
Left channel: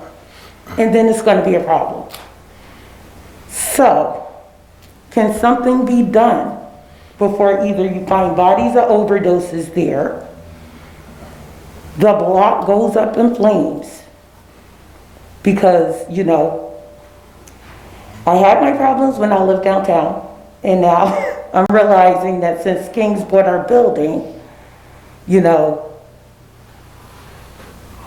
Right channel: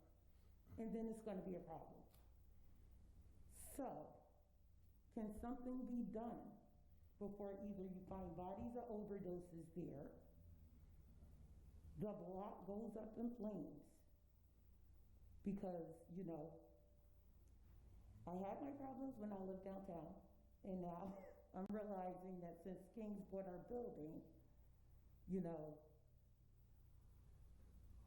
And then it's gonna be a problem. So, can something be done before either you find bodies of overdoses there, the block goes up in flames? Because, you know, I had my problems when I lived downtown, and now I'm realizing that since Kings bought our building, you know,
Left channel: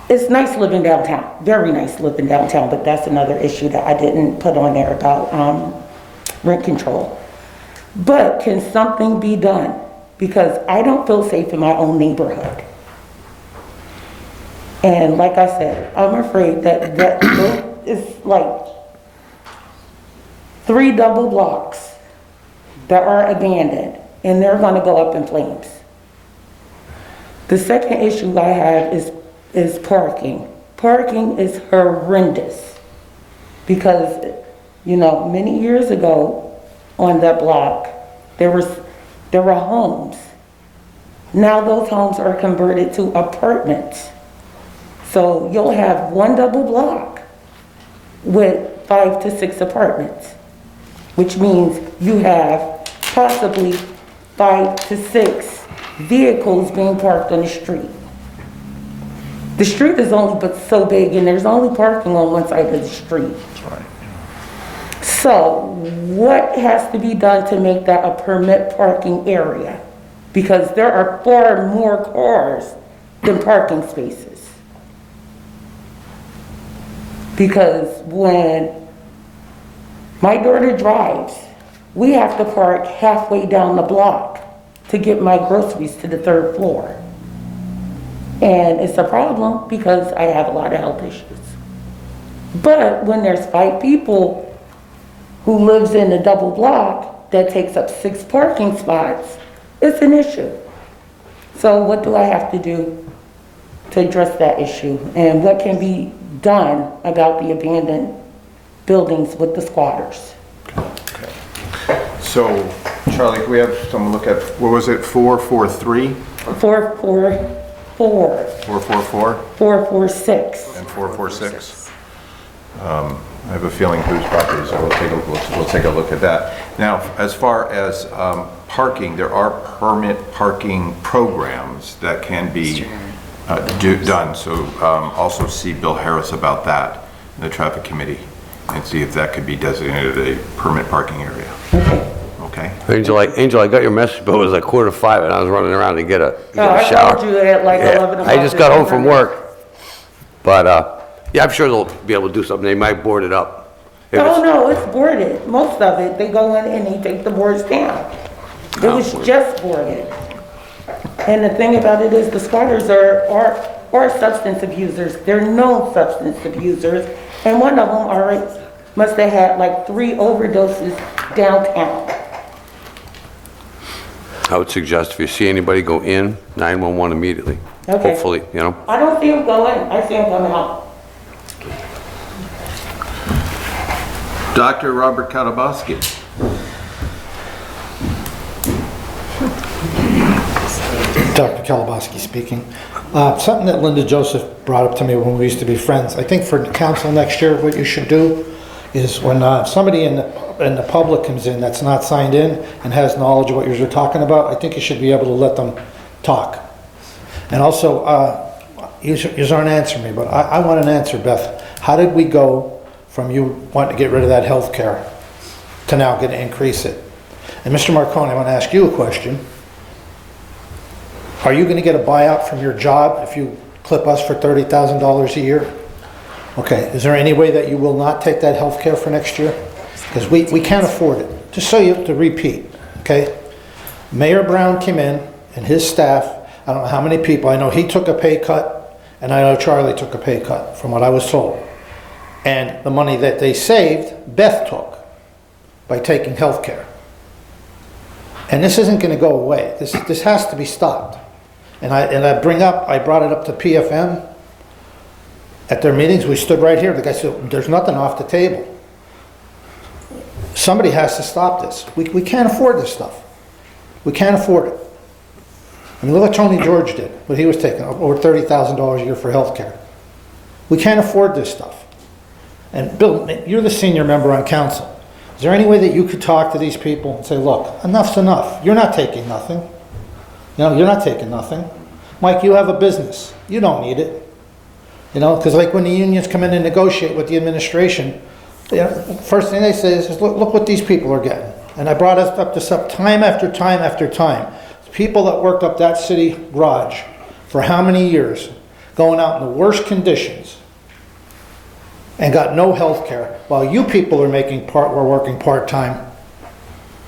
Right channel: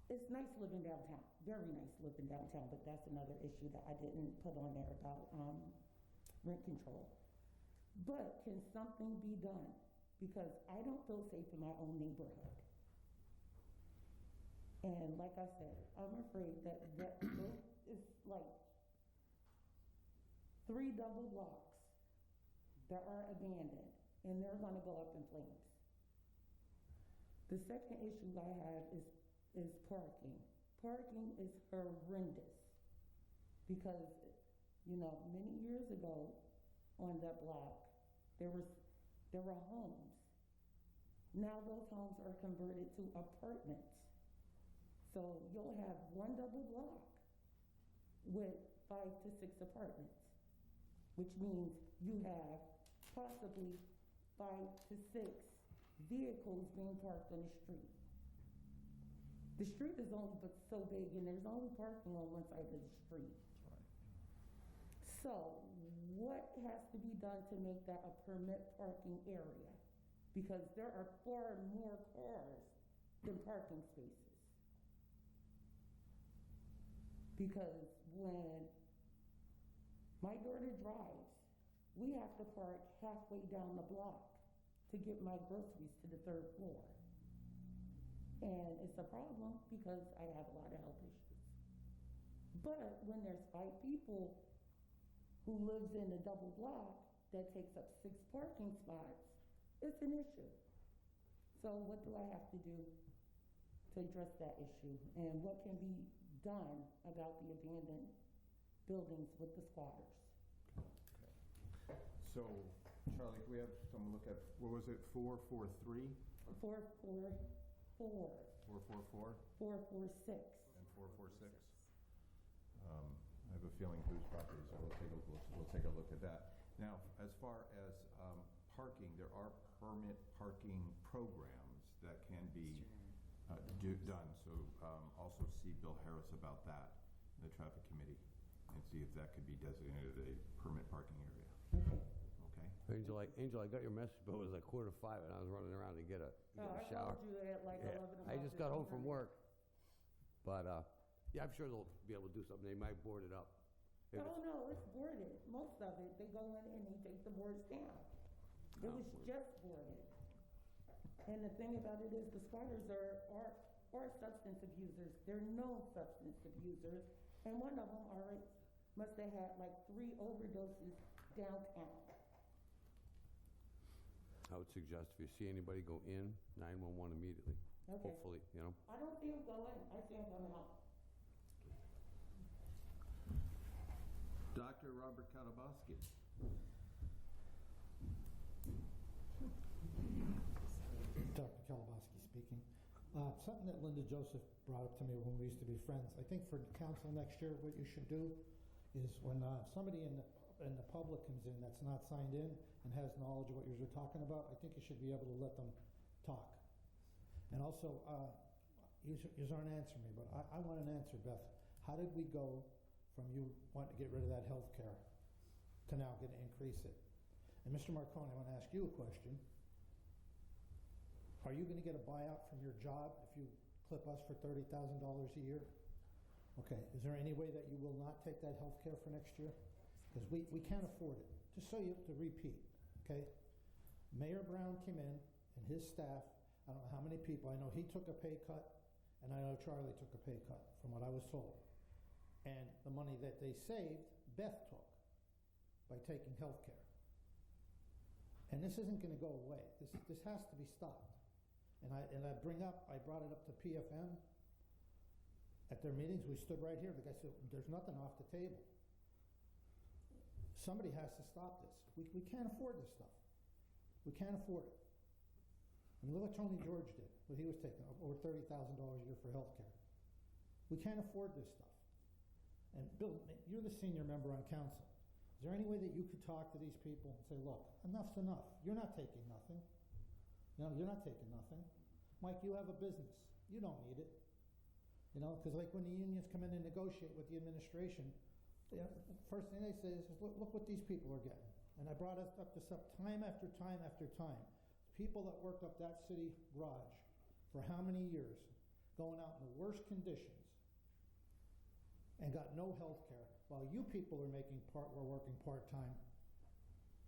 it's nice living downtown, very nice living downtown, but that's another issue that I didn't put on there about rent control. But can something be done? Because I don't feel safe in my own neighborhood. And like I said, I'm afraid that it's like 3 double blocks that are abandoned and they're gonna go up in flames. The second issue I have is parking. Parking is horrendous because, you know, many years ago on that block, there were homes. Now those homes are converted to apartments. So you'll have 1 double block with 5 to 6 apartments, which means you have possibly 5 to 6 vehicles being parked on the street. The street is only but so big and there's only parking on one side of the street. So what has to be done to make that a permit parking area? Because there are far more cars than parking spaces. Because when My daughter drives. We have to park halfway down the block to get my groceries to the 3rd floor. And it's a problem because I have a lot of health issues. But when there's 5 people who lives in a double block that takes up 6 parking spots, it's an issue. So what do I have to do to address that issue? And what can be done about the abandoned buildings with the squatters? So, Charlie, can we have someone look at, what was it, 443? 444, 444 446. and 446? I have a feeling whose property, so we'll take a look at that. Now, as far as parking, there are permit parking programs that can be done. So also see Bill Harris about that in the traffic committee and see if that could be designated a permit parking area. Okay? Angel, I got your message, but it was like 4:45 and I was running around to get a I shower. told you at like 11 o'clock. I just got home from work. But, yeah, I'm sure they'll be able to do something. They might board it up. If Oh, it's- no, it's boarded. Most of it, they go in and they take the boards down. It was just boarded. And the thing about it is the squatters are substance abusers. They're known substance abusers. And one of them must have had like 3 overdoses downtown. I would suggest if you see anybody go in, 911 immediately. Okay. Hopefully, you know. I don't see them go in, I see them coming out. Dr. Robert Katabaski. Dr. Kalabaski speaking. Something that Linda Joseph brought up to me when we used to be friends. I think for the council next year, what you should do is when somebody in the public comes in that's not signed in and has knowledge of what you're talking about, I think you should be able to let them talk. And also, you aren't answering me, but I want an answer, Beth. How did we go from you wanting to get rid of that health care to now going to increase it? And Mr. Marconi, I want to ask you a question. Are you going to get a buyout from your job if you clip us for $30,000 a year? Okay, is there any way that you will not take that health care for next year? Because we can't afford it. Just so you have to repeat, okay? Mayor Brown came in and his staff, I don't know how many people, I know he took a pay cut and I know Charlie took a pay cut from what I was told. And the money that they saved, Beth took by taking health care. And this isn't going to go away. This has to be stopped. And I brought it up to PFM at their meetings. We stood right here. The guy said, there's nothing off the table. Somebody has to stop this. We can't afford this stuff. We can't afford it. I mean, look what Tony George did, what he was taking, over $30,000 a year for health care. We can't afford this stuff. And Bill, you're the senior member on council. Is there any way that you could talk to these people and say, look, enough's enough. You're not taking nothing. You know, you're not taking nothing. Mike, you have a business. You don't need it. You know, because like when the unions come in and negotiate with the administration, you know, first thing they say is, look what these people are getting. And I brought this up time after time after time. People that worked up that city garage for how many years, going out in the worst conditions, and got no health care, while you people are were working part-time,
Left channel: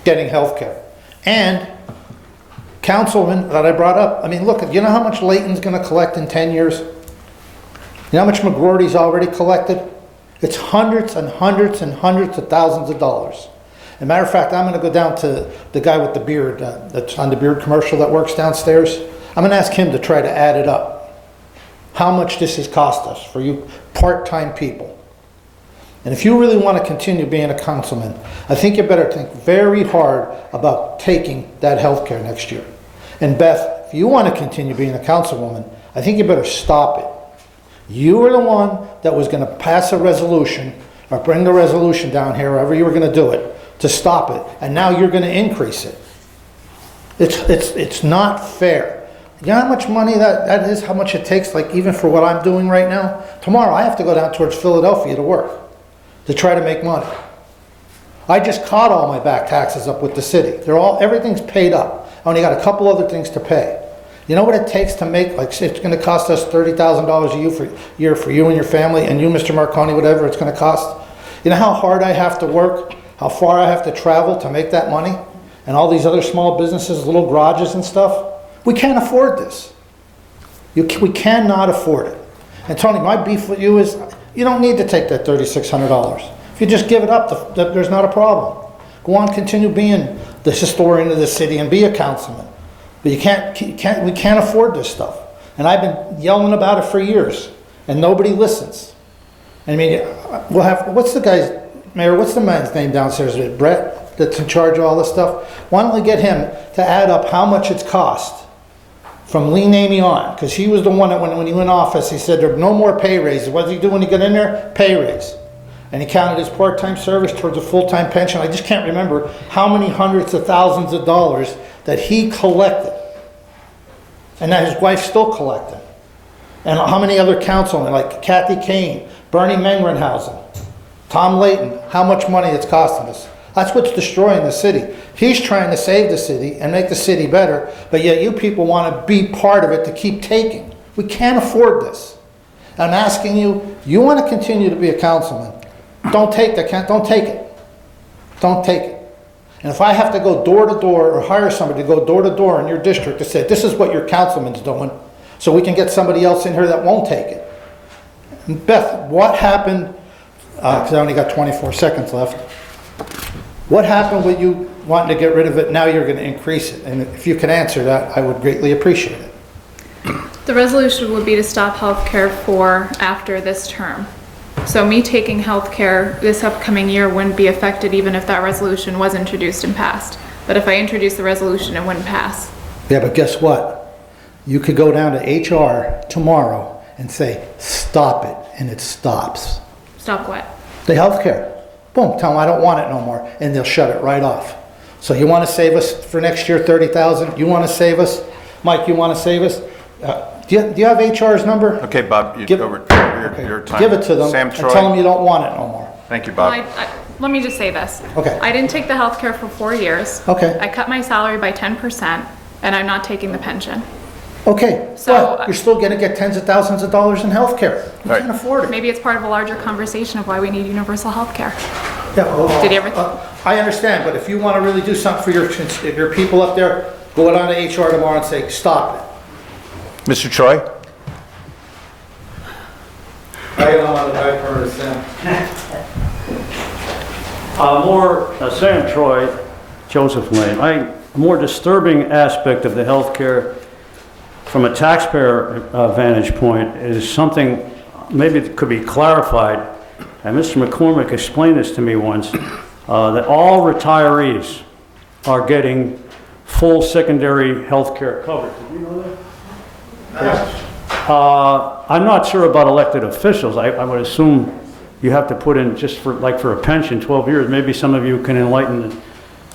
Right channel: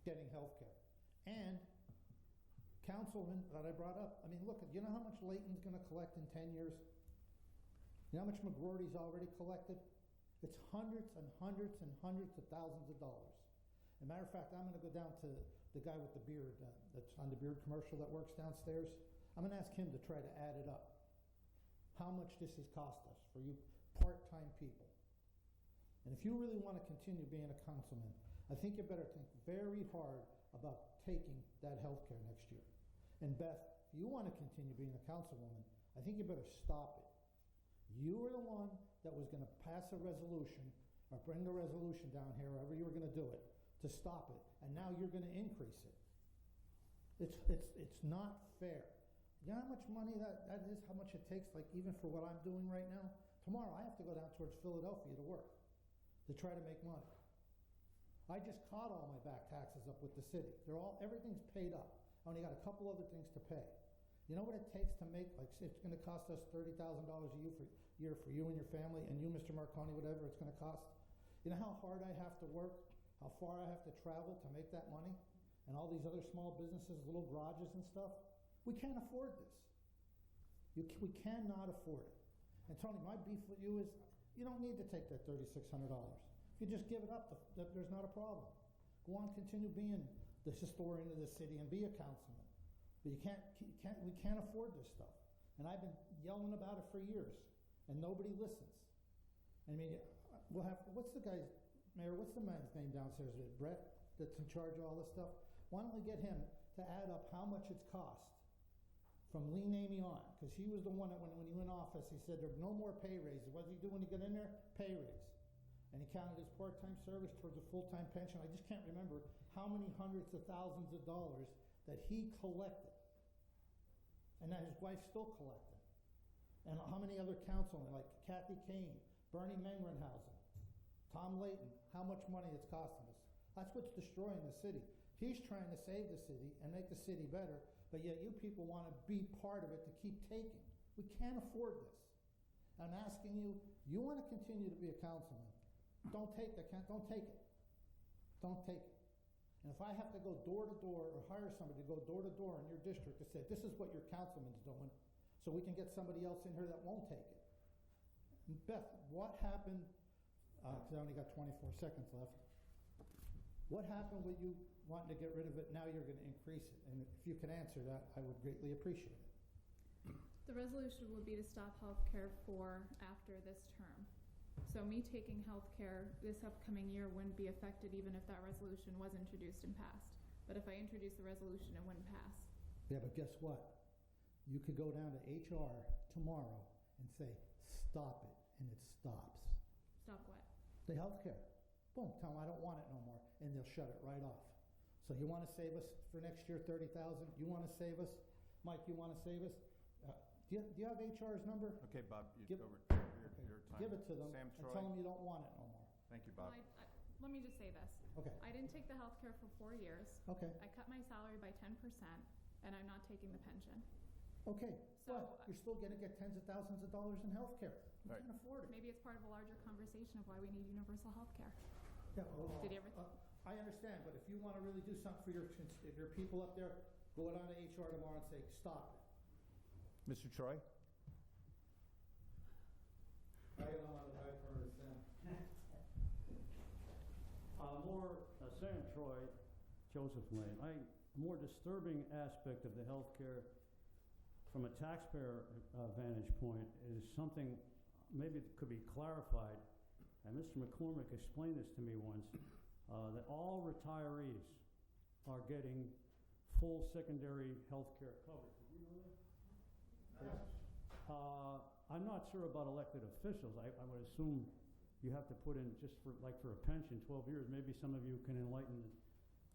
getting health care. And councilman that I brought up, I mean, look, you know how much Layton's gonna collect in 10 years? You know how much McGroarty's already collected? It's hundreds and hundreds and hundreds of thousands of dollars. As a matter of fact, I'm gonna go down to the guy with the beard, that's on the beard commercial that works downstairs. I'm gonna ask him to try to add it up. How much this has cost us for you part-time people. And if you really want to continue being a councilman, I think you better think very hard about taking that health care next year. And Beth, if you want to continue being a councilwoman, I think you better stop it. You were the one that was going to pass a resolution or bring the resolution down here, however you were going to do it, to stop it. And now you're going to increase it. It's not fair. You know how much money that is, how much it takes, like even for what I'm doing right now? Tomorrow I have to go down towards Philadelphia to work, to try to make money. I just caught all my back taxes up with the city. Everything's paid up. I only got a couple other things to pay. You know what it takes to make, like it's going to cost us $30,000 a year for you and your family, and you, Mr. Marconi, whatever it's going to cost? You know how hard I have to work how far I have to travel to make that money, and all these other small businesses, little garages and stuff, we can't afford this. We cannot afford it. And Tony, my beef with you is, you don't need to take that $3,600. If you just give it up, there's not a problem. Go on, continue being the historian of the city and be a councilman. But we can't afford this stuff. And I've been yelling about it for years, and nobody listens. I mean, we'll have, what's the guy's, Mayor, what's the man's name downstairs? Is it Brett that's in charge of all this stuff? Why don't we get him to add up how much it's cost from Lee Namey on? Because he was the one that when he went in office, he said there are no more pay raises. What did he do when he got in there? Pay raise. And he counted his part-time service towards a full-time pension. I just can't remember how many hundreds of thousands of dollars that he collected. And that his wife's still collecting. And how many other councilmen, like Kathy Kane, Bernie Mengrenhausen, Tom Layton, how much money it's costing us. That's what's destroying the city. He's trying to save the city and make the city better, but yet you people want to be part of it to keep taking. We can't afford this. I'm asking you, you want to continue to be a councilman, don't take it. Don't take it. And if I have to go door to door or hire somebody to go door to door in your district to say, this is what your councilman's doing, so we can get somebody else in here that won't take it. And Beth, what happened, because I only got 24 seconds left, what happened with you wanting to get rid of it, now you're going to increase it? And if you can answer that, I would greatly appreciate it. The resolution would be to stop healthcare for after this term. So me taking healthcare this upcoming year wouldn't be affected even if that resolution was introduced and passed. But if I introduce the resolution, it wouldn't pass. Yeah, but guess what? You could go down to HR tomorrow and say, stop it, and it stops. Stop what? The healthcare. Boom, tell them I don't want it no more, and they'll shut it right off. So you want to save us for next year, 30,000? You want to save us? Mike, you want to save us? Do you have HR's number? Okay, Bob, Give- over your time. Give it to them Sam and Troy. tell them you don't want it no more. Thank you, Well, Bob. let me just say this. Okay. I didn't take the healthcare for 4 years. Okay. I cut my salary by 10%, and I'm not taking the pension. Okay, So- but you're still going to get tens of thousands of dollars in healthcare. You Right. can't afford it. Maybe it's part of a larger conversation of why we need universal healthcare. Yeah, well, Did you ever- I understand, but if you want to really do something for your people up there, go down to HR tomorrow and say, stop it. Mr. Troy? Sam Troy, Joseph Lane. A more disturbing aspect of the healthcare from a taxpayer vantage point is something maybe that could be clarified. And Mr. McCormick explained this to me once, that all retirees are getting full secondary health care coverage. Did you know that? Yes. I'm not sure about elected officials. I would assume you have to put in just for a pension, 12 years. Maybe some of you can enlighten the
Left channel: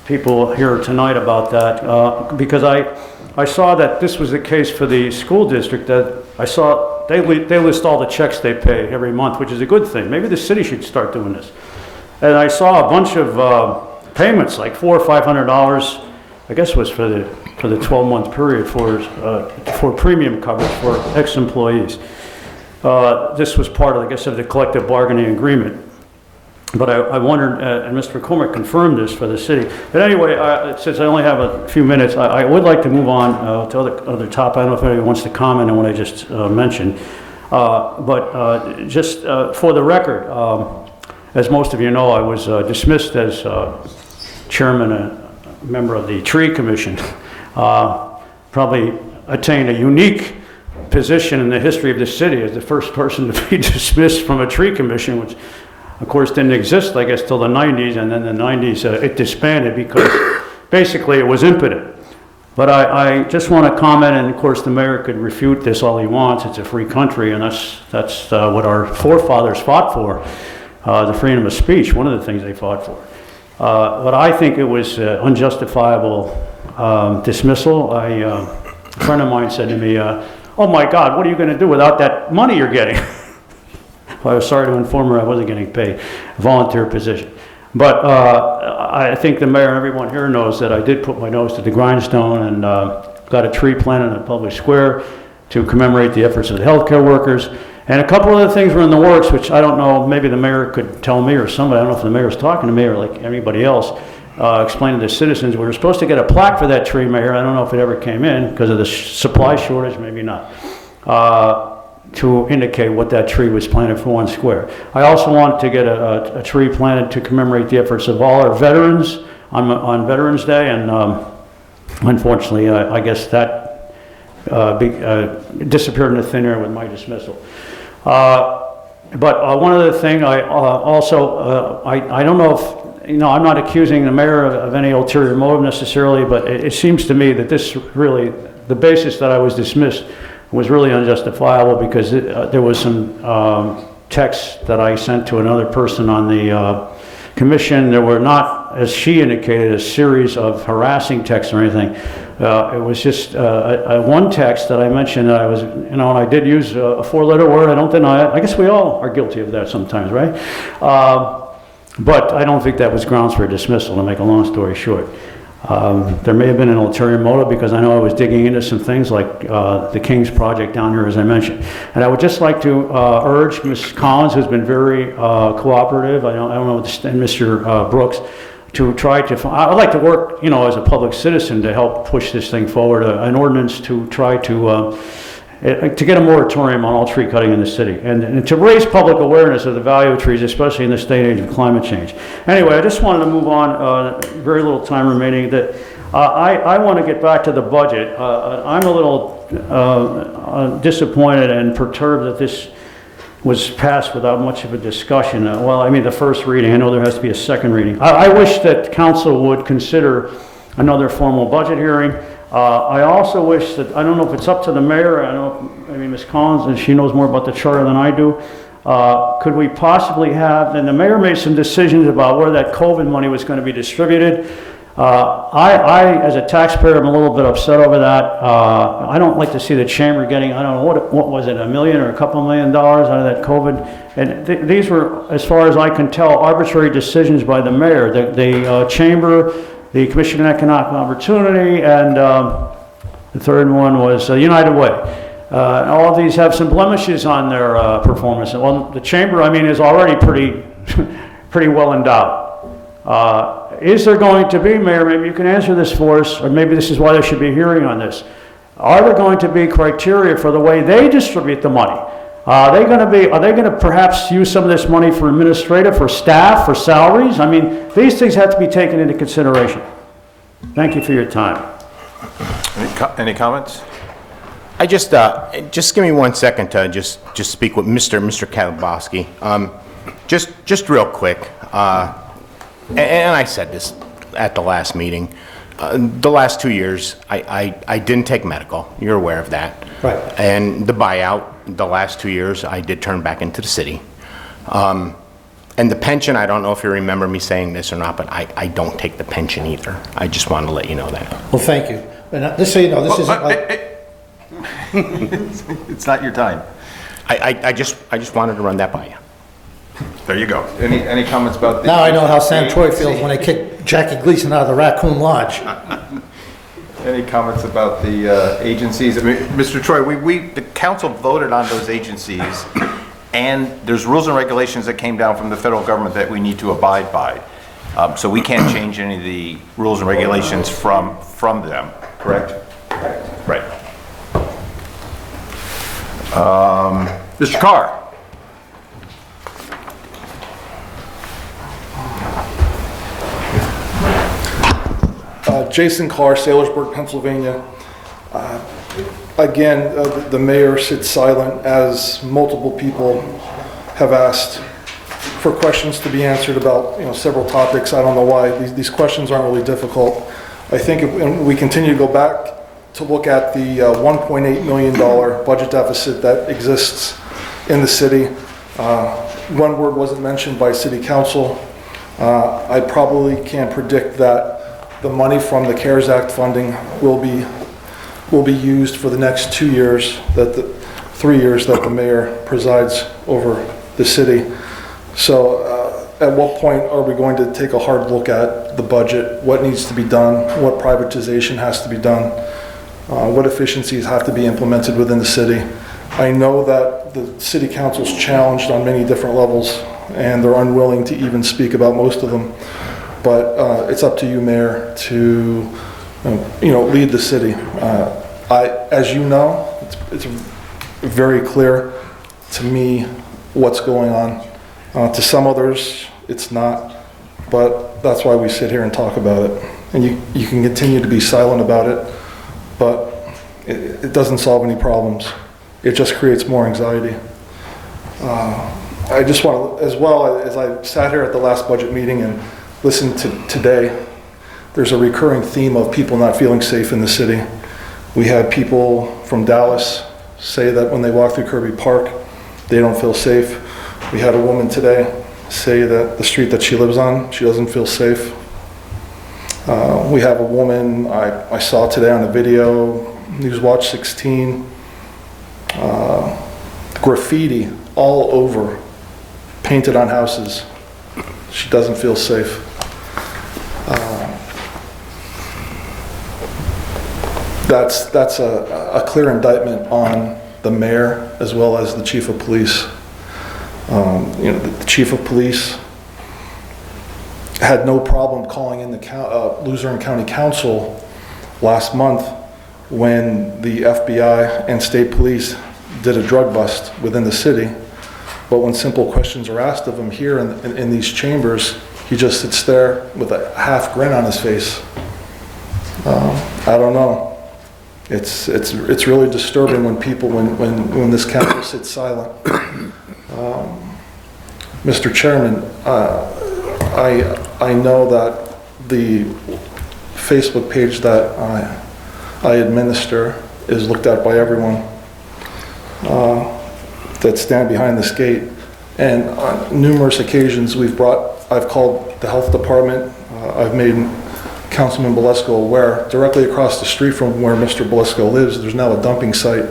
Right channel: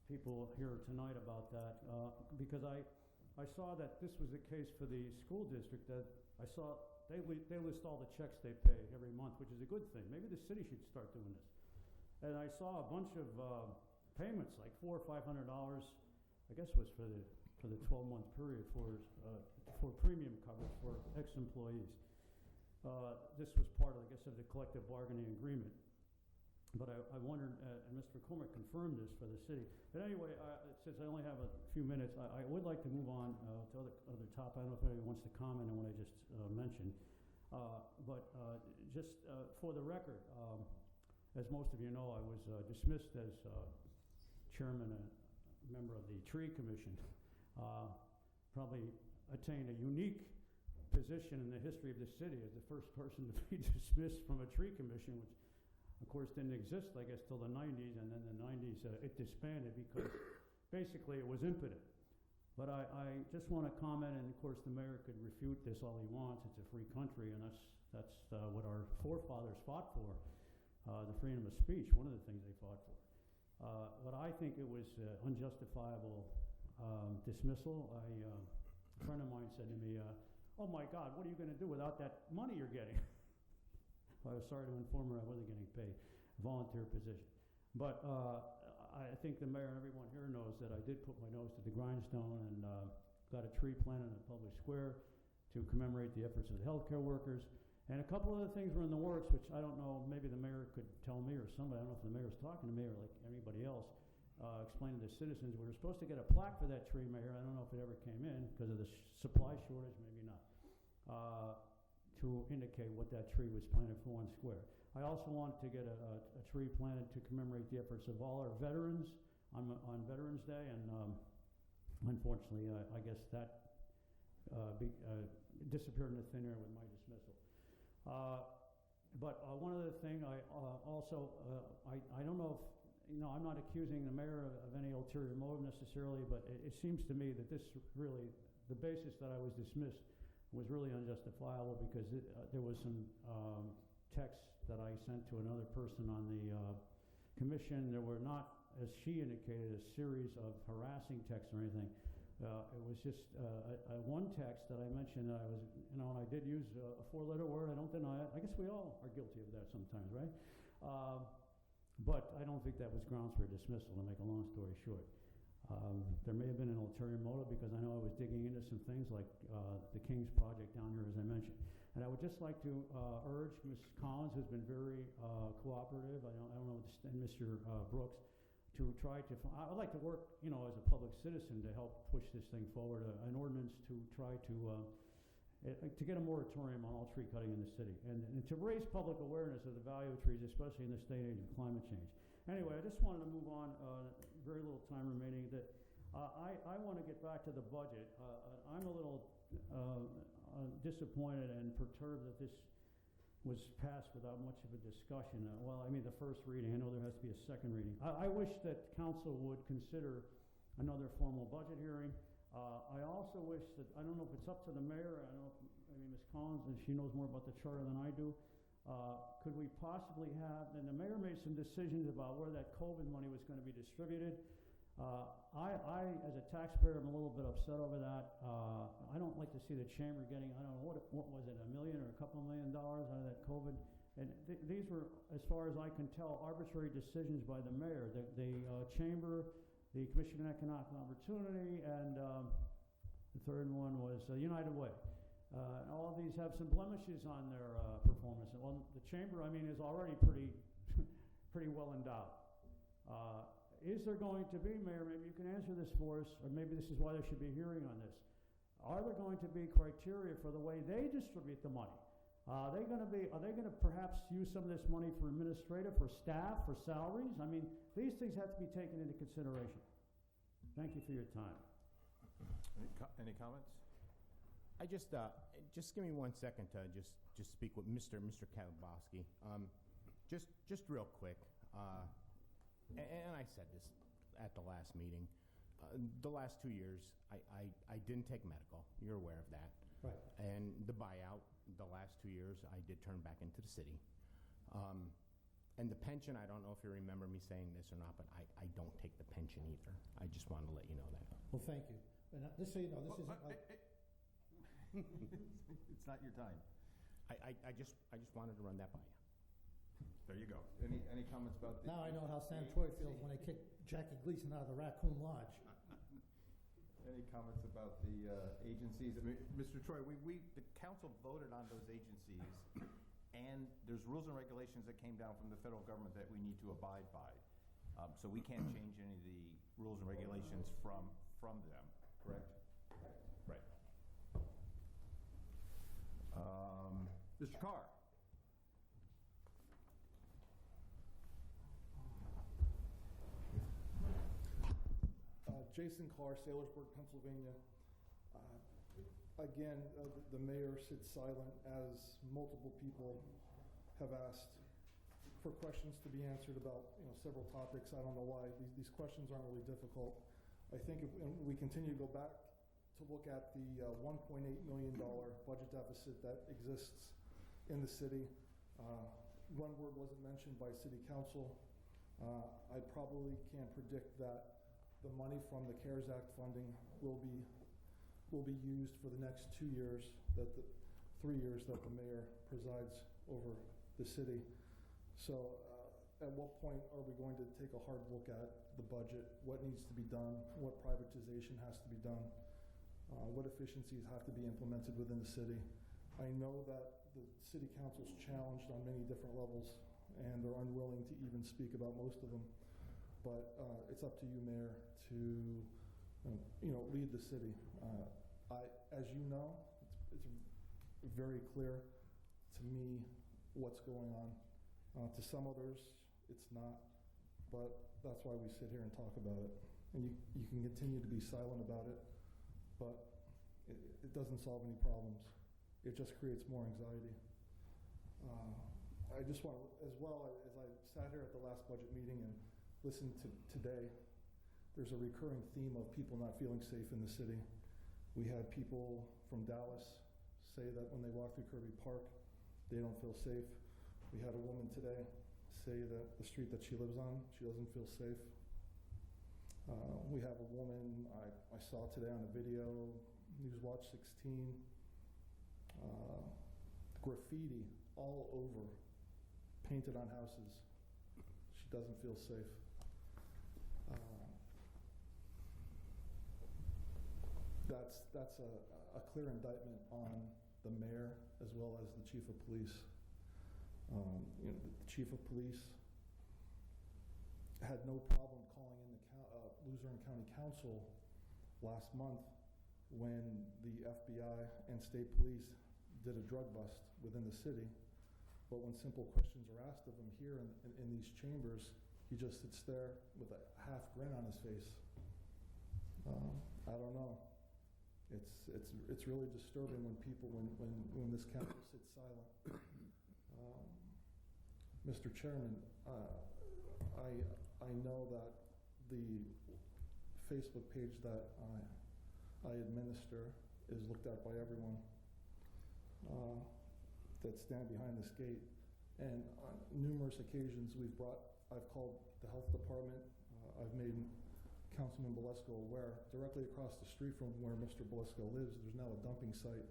people here tonight about that. Because I saw that this was the case for the school district, that I saw they list all the checks they pay every month, which is a good thing. Maybe the city should start doing this. And I saw a bunch of payments, like $400 or $500, I guess was for the 12-month period for premium coverage for ex-employees. This was part of, I guess, of the collective bargaining agreement. But I wondered, and Mr. McCormick confirmed this for the city. But anyway, since I only have a few minutes, I would like to move on to other topics. I don't know if anybody wants to comment on what I just mentioned. But just for the record, as most of you know, I was dismissed as chairman, a member of the Tree Commission. Probably attained a unique position in the history of the city as the first person to be dismissed from a tree commission, which of course didn't exist, I guess, till the 90s, and then the 90s it disbanded because basically it was impotent. But I just want to comment, and of course the mayor could refute this all he wants. It's a free country, and that's what our forefathers fought for, the freedom of speech, one of the things they fought for. But I think it was unjustifiable dismissal. A friend of mine said to me, oh my God, what are you going to do without that money you're getting? Well, I was sorry to inform her I wasn't getting paid, a volunteer position. But I think the mayor and everyone here knows that I did put my nose to the grindstone and got a tree planted in a public square to commemorate the efforts of the healthcare workers. And a couple other things were in the works, which I don't know, maybe the mayor could tell me or somebody, I don't know if the mayor's talking to me or like anybody else, explaining to citizens, we were supposed to get a plaque for that tree, Mayor. I don't know if it ever came in because of the supply shortage, maybe not, to indicate what that tree was planted for 1 square. I also want to get a tree planted to commemorate the efforts of all our veterans on Veterans Day, and unfortunately, I guess that disappeared into thin air with my dismissal. But one other thing, I don't know if, I'm not accusing the mayor of any ulterior motive necessarily, but it seems to me that this really, the basis that I was dismissed was really unjustifiable because there was some text that I sent to another person on the commission. There were not, as she indicated, a series of harassing texts or anything. It was just one text that I mentioned that I was, and I did use a 4-letter word. I don't deny it. I guess we all are guilty of that sometimes, right? But I don't think that was grounds for dismissal, to make a long story short. There may have been an ulterior motive because I know I was digging into some things like the King's Project down here, as I mentioned. And I would just like to urge Ms. Collins, who's been very cooperative, I don't know, and Mr. Brooks, to try to, I'd like to work, as a public citizen to help push this thing forward, an ordinance to try to get a moratorium on all tree cutting in the city, and to raise public awareness of the value of trees, especially in this day and age of climate change. Anyway, I just wanted to move on, very little time remaining, that I want to get back to the budget. I'm a little disappointed and perturbed that this was passed without much of a discussion. The first reading, I know there has to be a second reading. I wish that council would consider another formal budget hearing. I also wish that, I don't know if it's up to the mayor, I know maybe Ms. Collins, and she knows more about the charter than I do. Could we possibly have, and the mayor made some decisions about where that COVID money was going to be distributed. I, as a taxpayer, am a little bit upset over that. I don't like to see the chamber getting, I don't know, what was it, $1 million or a couple $1 million out of that COVID? And these were, as far as I can tell, arbitrary decisions by the mayor. The chamber, the Commission on Economic Opportunity, and the third one was United Way. All of these have some blemishes on their performance. Well, the chamber, is already pretty well endowed. Is there going to be, Mayor, maybe you can answer this for us, or maybe this is why there should be a hearing on this. Are there going to be criteria for the way they distribute the money? Are they going to perhaps use some of this money for administrative, for staff, for salaries? These things have to be taken into consideration. Thank you for your time. Any comments? I just give me 1 second to just speak with Mr. Kalabowski. Just real quick. And I said this at the last meeting. The last 2 years, I didn't take medical. You're aware of that. Right. And the buyout, the last 2 years, I did turn back into the city. And the pension, I don't know if you remember me saying this or not, but I don't take the pension either. I just wanted to let you know that. Well, thank you. And just so you know, this isn't like... It's not your time. I just wanted to run that by you. There you go. Any comments about the... Now I know how Sam Troy feels when they kick Jackie Gleason out of the Raccoon Lodge. Any comments about the agencies? Mr. Troy, the council voted on those agencies, and there's rules and regulations that came down from the federal government that we need to abide by. So we can't change any of the rules and regulations from them, correct? Right. Mr. Carr. Jason Carr, Sailorsburg, Pennsylvania. Again, the mayor sits silent as multiple people have asked for questions to be answered about several topics. I don't know why. These questions aren't really difficult. I think if we continue to go back to look at the $1.8 million budget deficit that exists in the city, one word wasn't mentioned by city council. I probably can predict that the money from the CARES Act funding will be used for the next 2 years, 3 years that the mayor presides over the city. So at what point are we going to take a hard look at the budget, what needs to be done, what privatization has to be done, what efficiencies have to be implemented within the city? I know that the city council's challenged on many different levels, and they're unwilling to even speak about most of them. But it's up to you, Mayor, to lead the city. As you know, it's very clear to me what's going on. To some others, it's not, but that's why we sit here and talk about it. And you can continue to be silent about it, but it doesn't solve any problems. It just creates more anxiety. I just want to, as well as I sat here at the last budget meeting and listened to today, there's a recurring theme of people not feeling safe in the city. We had people from Dallas say that when they walk through Kirby Park, they don't feel safe. We had a woman today say that the street that she lives on, she doesn't feel safe. We have a woman I saw today on a video, Newswatch 16, graffiti all over, painted on houses. She doesn't feel safe. That's a clear indictment on the mayor as well as the chief of police. The chief of police had no problem calling in the Luzerne County Council last month when the FBI and state police did a drug bust within the city. But when simple questions are asked of him here in these chambers, he just sits there with a half grin on his face. I don't know. It's really disturbing when this council sits silent. Mr. Chairman, I know that the Facebook page that I administer is looked at by everyone that stand behind this gate. And on numerous occasions I've called the health department. I've made Councilman Belisco aware. Directly across the street from where Mr. Belisco lives, there's now a dumping site.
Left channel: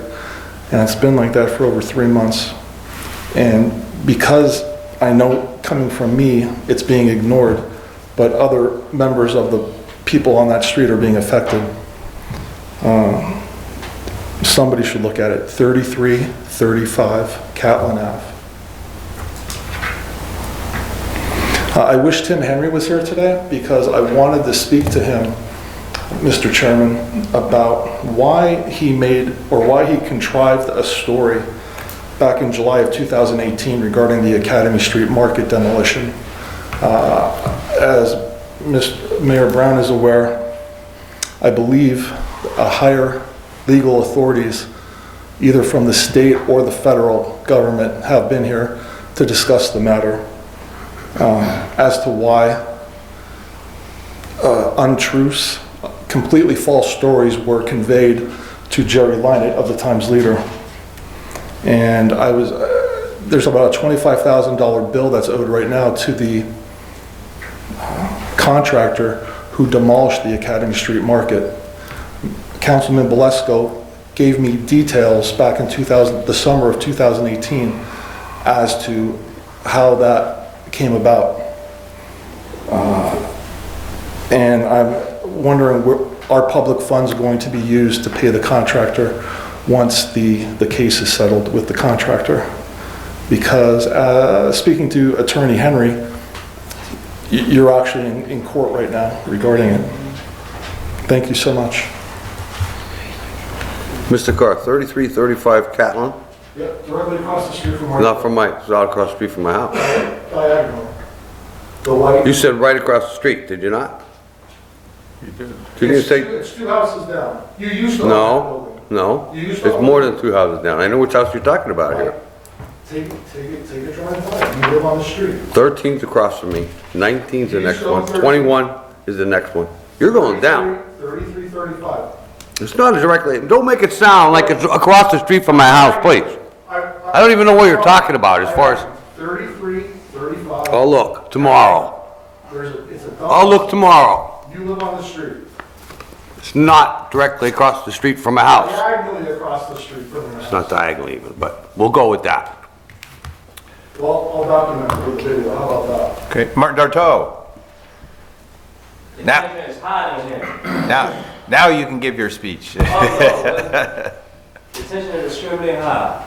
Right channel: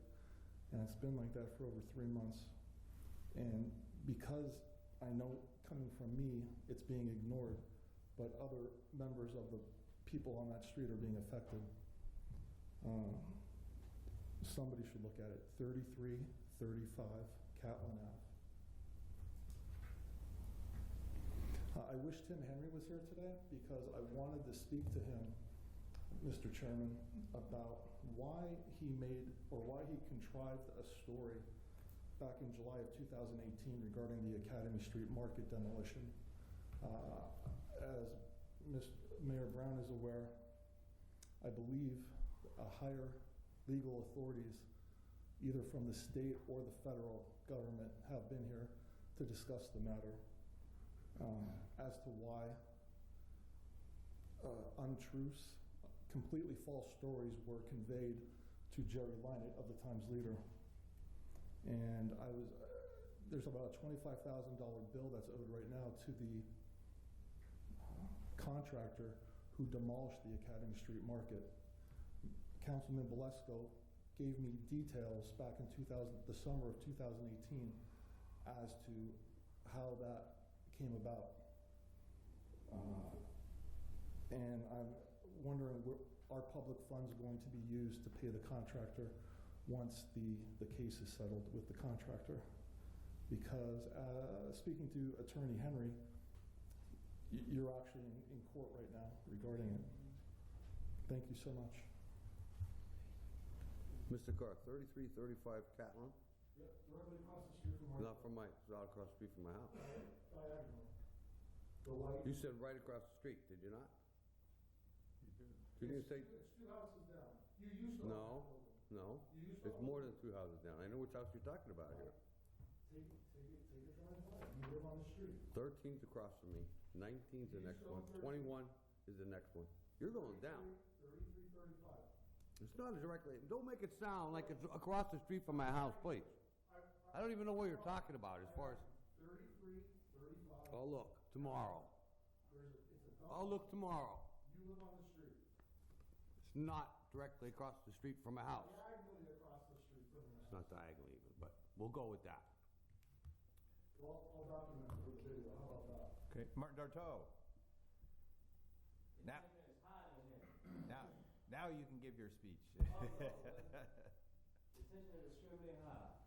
And it's been like that for over 3 months. And because I know coming from me, it's being ignored, but other members of the people on that street are being affected. Somebody should look at it. 3335 Catlin Ave. I wish Tim Henry was here today because I wanted to speak to him, Mr. Chairman, about why he contrived a story back in July of 2018 regarding the Academy Street Market demolition. As Mayor Brown is aware, I believe higher legal authorities, either from the state or the federal government, have been here to discuss the matter as to why untruths, completely false stories were conveyed to Jerry Lynett of the Times Leader. And there's about a $25,000 bill that's owed right now to the contractor who demolished the Academy Street Market. Councilman Belisco gave me details back in the summer of 2018 as to how that came about. And I'm wondering where our public funds are going to be used to pay the contractor once the case is settled with the contractor. Because speaking to Attorney Henry, you're actually in court right now regarding it. Thank you so much. Mr. Carr, 3335 Catlin? Yep, directly across the street from my Not from it's out across the street from my house. diagonal. The white. You said right across the street, did you not? You did. Didn't you say? It's 2 houses down. You used to own that building. No. You used to It's own more it. than 2 houses down. I know which house you're talking about here. Take a drive by. You live on the street. 13's across from me, 19's the You next still one, 13. 21 is the next one. You're going down. 3335. It's not directly, don't make it sound like it's across the street from my house, please. I don't even know what you're talking about as far as, 3335. I'll look tomorrow. It's a I'll look tomorrow. You live on the street. It's not directly across the street from my house. Diagonally across the street from your house. It's not diagonally even, but we'll go with that. Well, I'll document it with the video. How about that? Okay, Martin Darto. The Now- tension is high in here. Now you can give your speech. Oh, no, the tension is extremely high.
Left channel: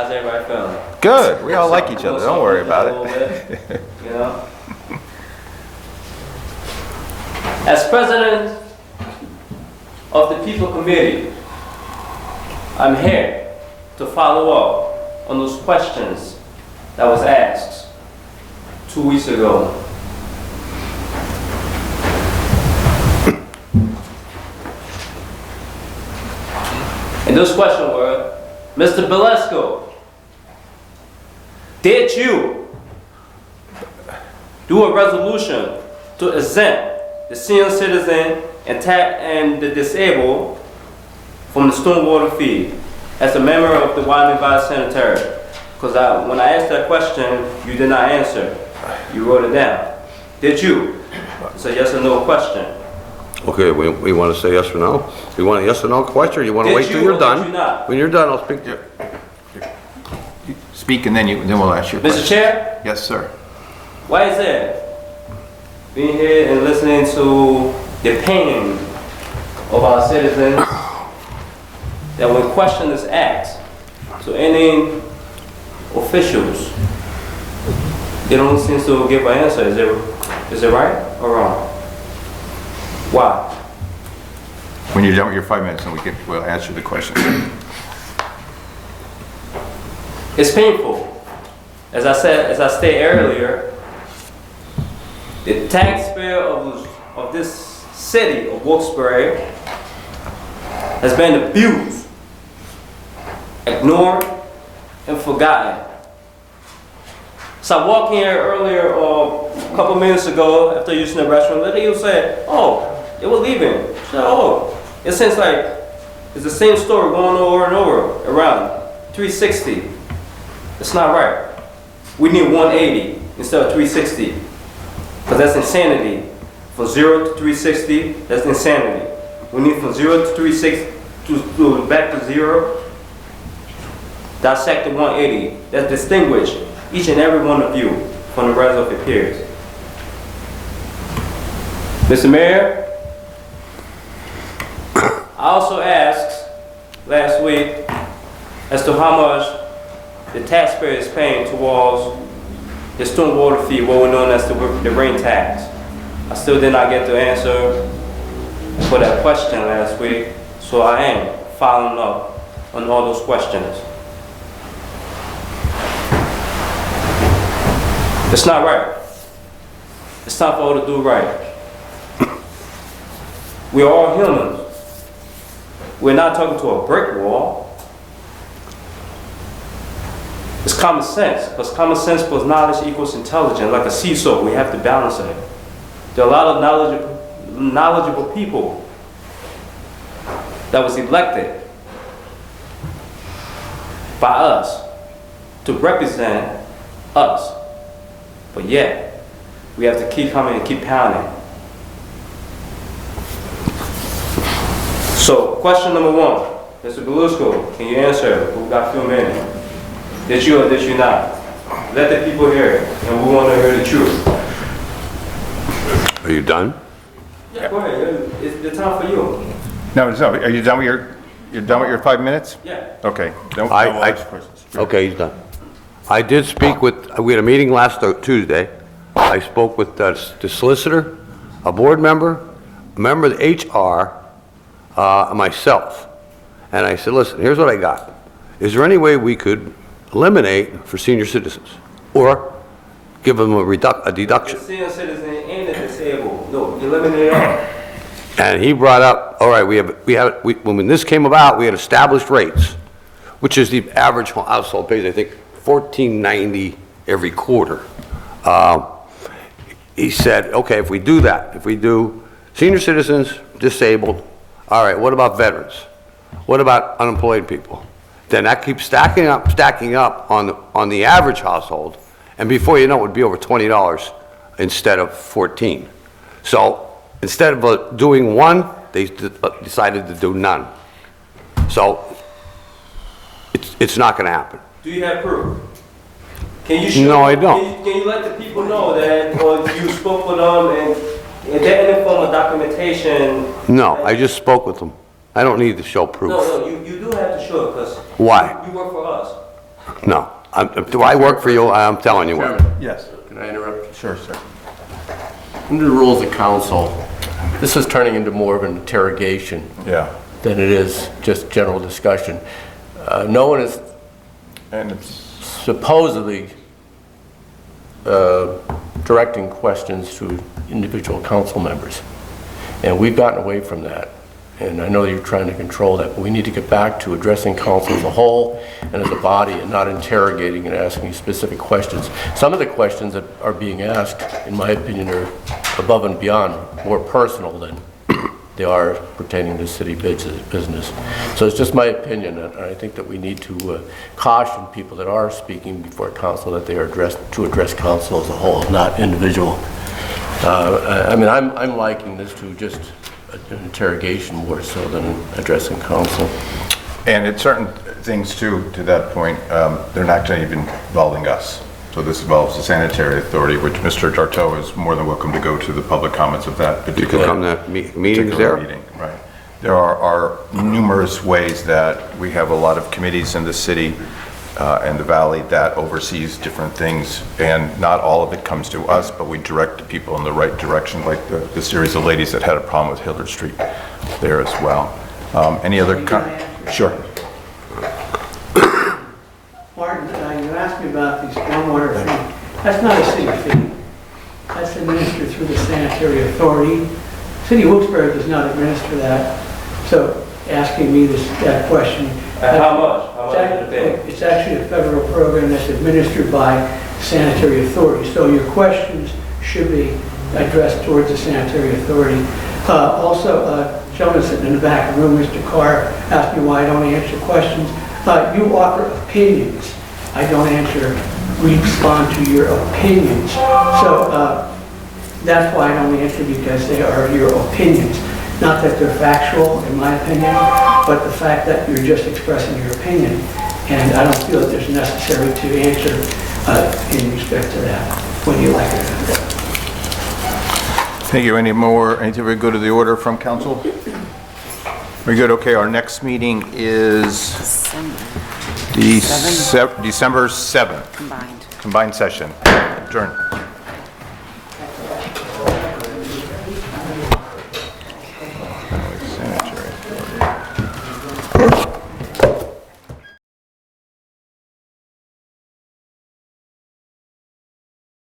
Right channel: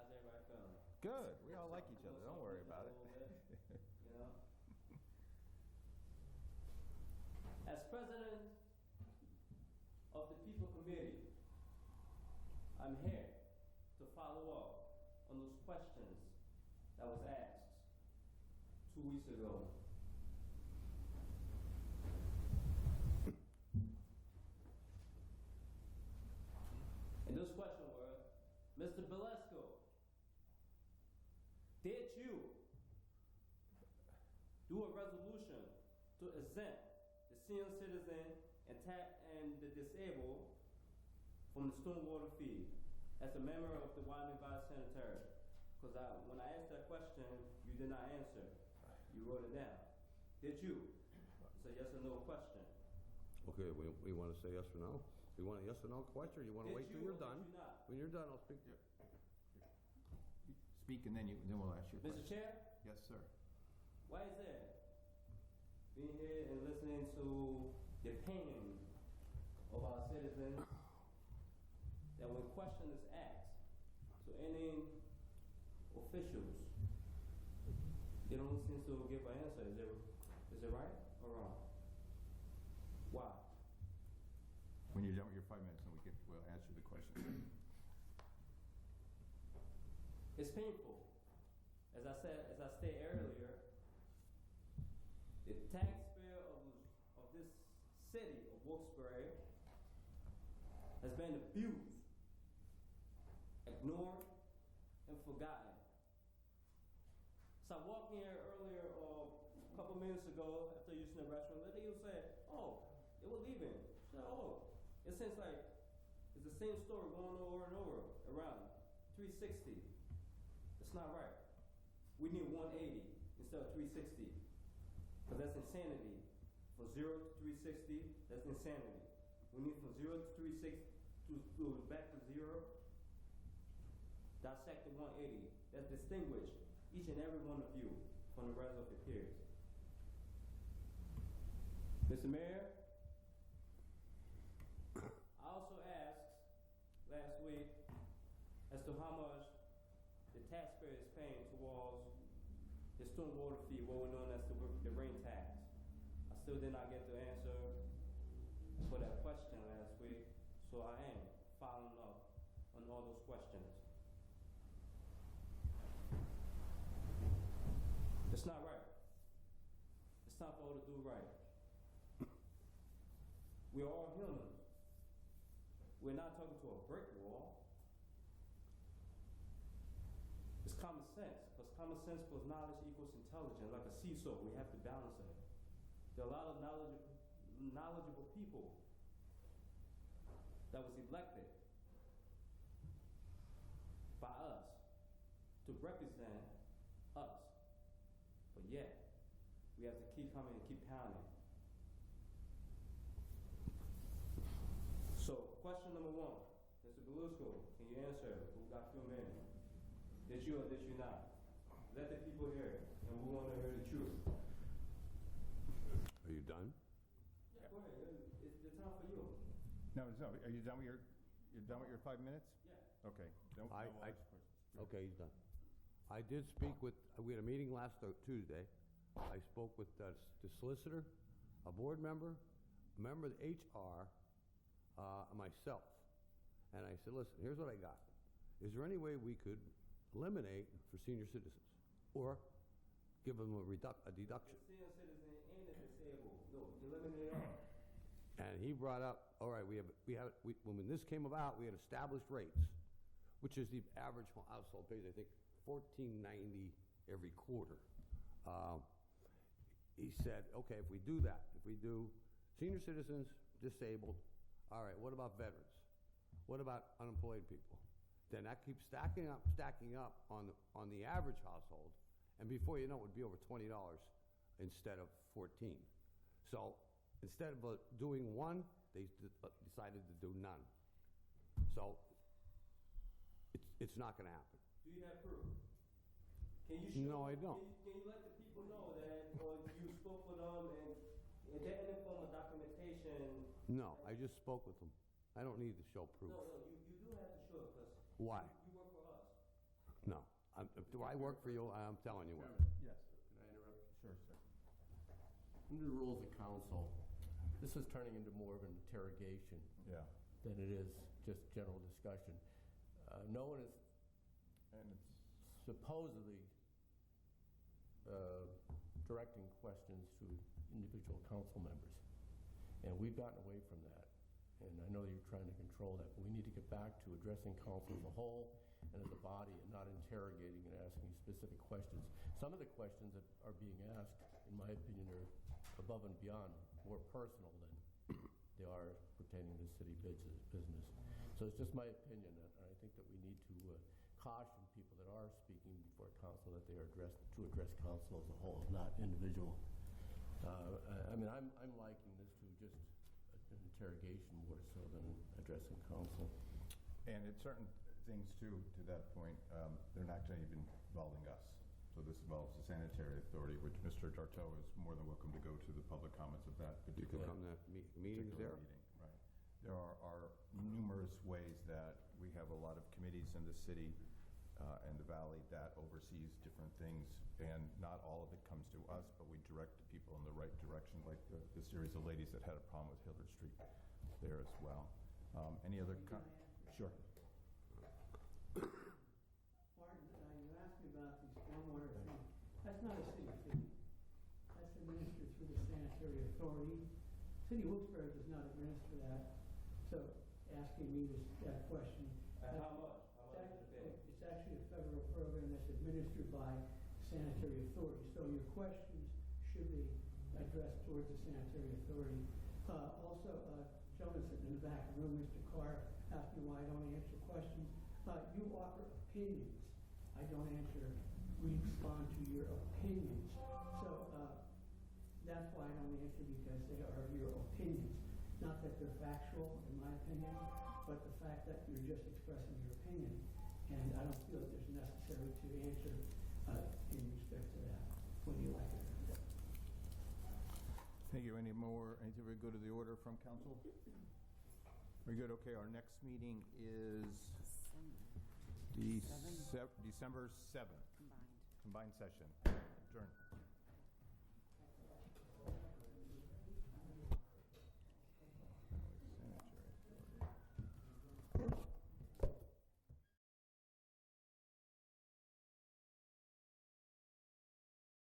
How's everybody feeling? Good, we all like each other, don't worry about A little it. bit, you know? As president of the People Committee, I'm here to follow up on those questions that was asked 2 weeks ago. And those questions were, Mr. Belasco, did you do a resolution to exempt the senior citizen and the disabled from the stormwater fee as a member of the Wyoming Valley Sanitary? Because when I asked that question, you did not answer. You wrote it down. Did you? It's a yes or no question. Okay, we want to say yes or no? You want a yes or no question, or you want to Did wait till you you're or done? did you not? When you're done, I'll speak to you. Speak and then we'll ask you a question. Mr. Chair, Yes, sir. why is it being here and listening to the pain of our citizens that when question is asked to any officials, they don't seem to give an answer. Is it right or wrong? Why? When you're done with your 5 minutes, then we'll answer the question. It's painful. As I stated earlier, the taxpayer of this city of Wilkes-Barre has been abused, ignored, and forgotten. So I walked in here earlier, a couple minutes ago, after using the restroom, the lady said, "Oh, they were leaving." I said, "Oh, it seems like it's the same story going over and over around 360. It's not right. We need 180 instead of 360, because that's insanity. From 0 to 360, that's insanity. We need from 0 to 360 to back to 0. Dissect the 180. That distinguish each and every one of you from the rest of your peers. Mr. Mayor, I also asked last week as to how much the taxpayer is paying towards the stormwater fee, what we're known as the rain tax. I still did not get the answer for that question last week, so I am following up on all those questions. It's not right. It's time for all to do right. We are all humans. We're not talking to a brick wall. It's common sense, because common sense plus knowledge equals intelligence. Like a seesaw, we have to balance it. There are a lot of knowledgeable people that was elected by us to represent us. But yet, we have to keep coming and keep pounding. So, question number one, Mr. Belusco, can you answer? We've got a few minutes. Did you or did you not? Let the people hear it, and we want to hear the truth. Are you done? Yeah, go ahead. It's the time for you. No, are you done with your 5 minutes? Yeah. Okay. Then we'll ask questions. Okay, he's done. I did speak we had a meeting last Tuesday. I spoke with the solicitor, a board member, a member of the HR, myself. And I said, listen, here's what I got. Is there any way we could eliminate for senior citizens or give them a deduction? The senior citizen and the disabled. No, eliminate it all. And he brought up, all right, when this came about, we had established rates, which is the average household pays, I think, $14.90 every quarter. He said, okay, if we do that, if we do senior citizens, disabled, all right, what about veterans? What about unemployed people? Then that keeps stacking up on the average household, and before you know it would be over $20 instead of 14. So instead of doing one, they decided to do none. So it's not going to happen. Do you have proof? Can you show? No, I don't. Can you let the people know that, or you spoke with them, and is there any form of documentation? No, I just spoke with them. I don't need to show proof. No, you do have to show it, because Why? you work for us. No. Do I work for you? I'm telling you what. Chairman, Yes. can I interrupt? Sure, sir. Under the rules of council, this is turning into more of an interrogation Yeah. than it is just general discussion. No one is And it's, supposedly directing questions to individual council members. And we've gotten away from that. And I know you're trying to control that, but we need to get back to addressing council as a whole and as a body and not interrogating and asking specific questions. Some of the questions that are being asked, in my opinion, are above and beyond, more personal than they are pertaining to city business. So it's just my opinion, and I think that we need to caution people that are speaking before council that they are to address council as a whole, not individual. I mean, I'm liking this to just an interrogation more so than addressing council. and it's certain things too, to that point, they're not even involving us. So this involves the sanitary authority, which Mr. Darto is more than welcome to go to the public comments of that You particular. can come to meetings particular there? meeting, right. There are numerous ways that we have a lot of committees in the city and the valley that oversees different things, and not all of it comes to us, but we direct the people in the right direction, like the series of ladies that had a problem with Hillard Street there as well. Any other? Sure. Martin, you asked me about the stormwater fee. That's not a city fee. That's administered through the sanitary authority. City of Wilkes-Barre does not administer that. So asking me that question. How much? How much is the fee? It's actually a federal program that's administered by sanitary authority. So your questions should be addressed towards the sanitary authority. Also, gentleman sitting in the back of the room, Mr. Carr, asked me why I don't answer questions. You offer opinions. I don't respond to your opinions. So that's why I don't answer, because they are your opinions. Not that they're factual, in my opinion, but the fact that you're just expressing your opinion. And I don't feel that there's necessary to answer in respect to that. What do you like to do? Thank you. Anything we go to the order from council? Very good. Okay, our next meeting is December 7th. Combined session. Adjourn. Sanitary authority.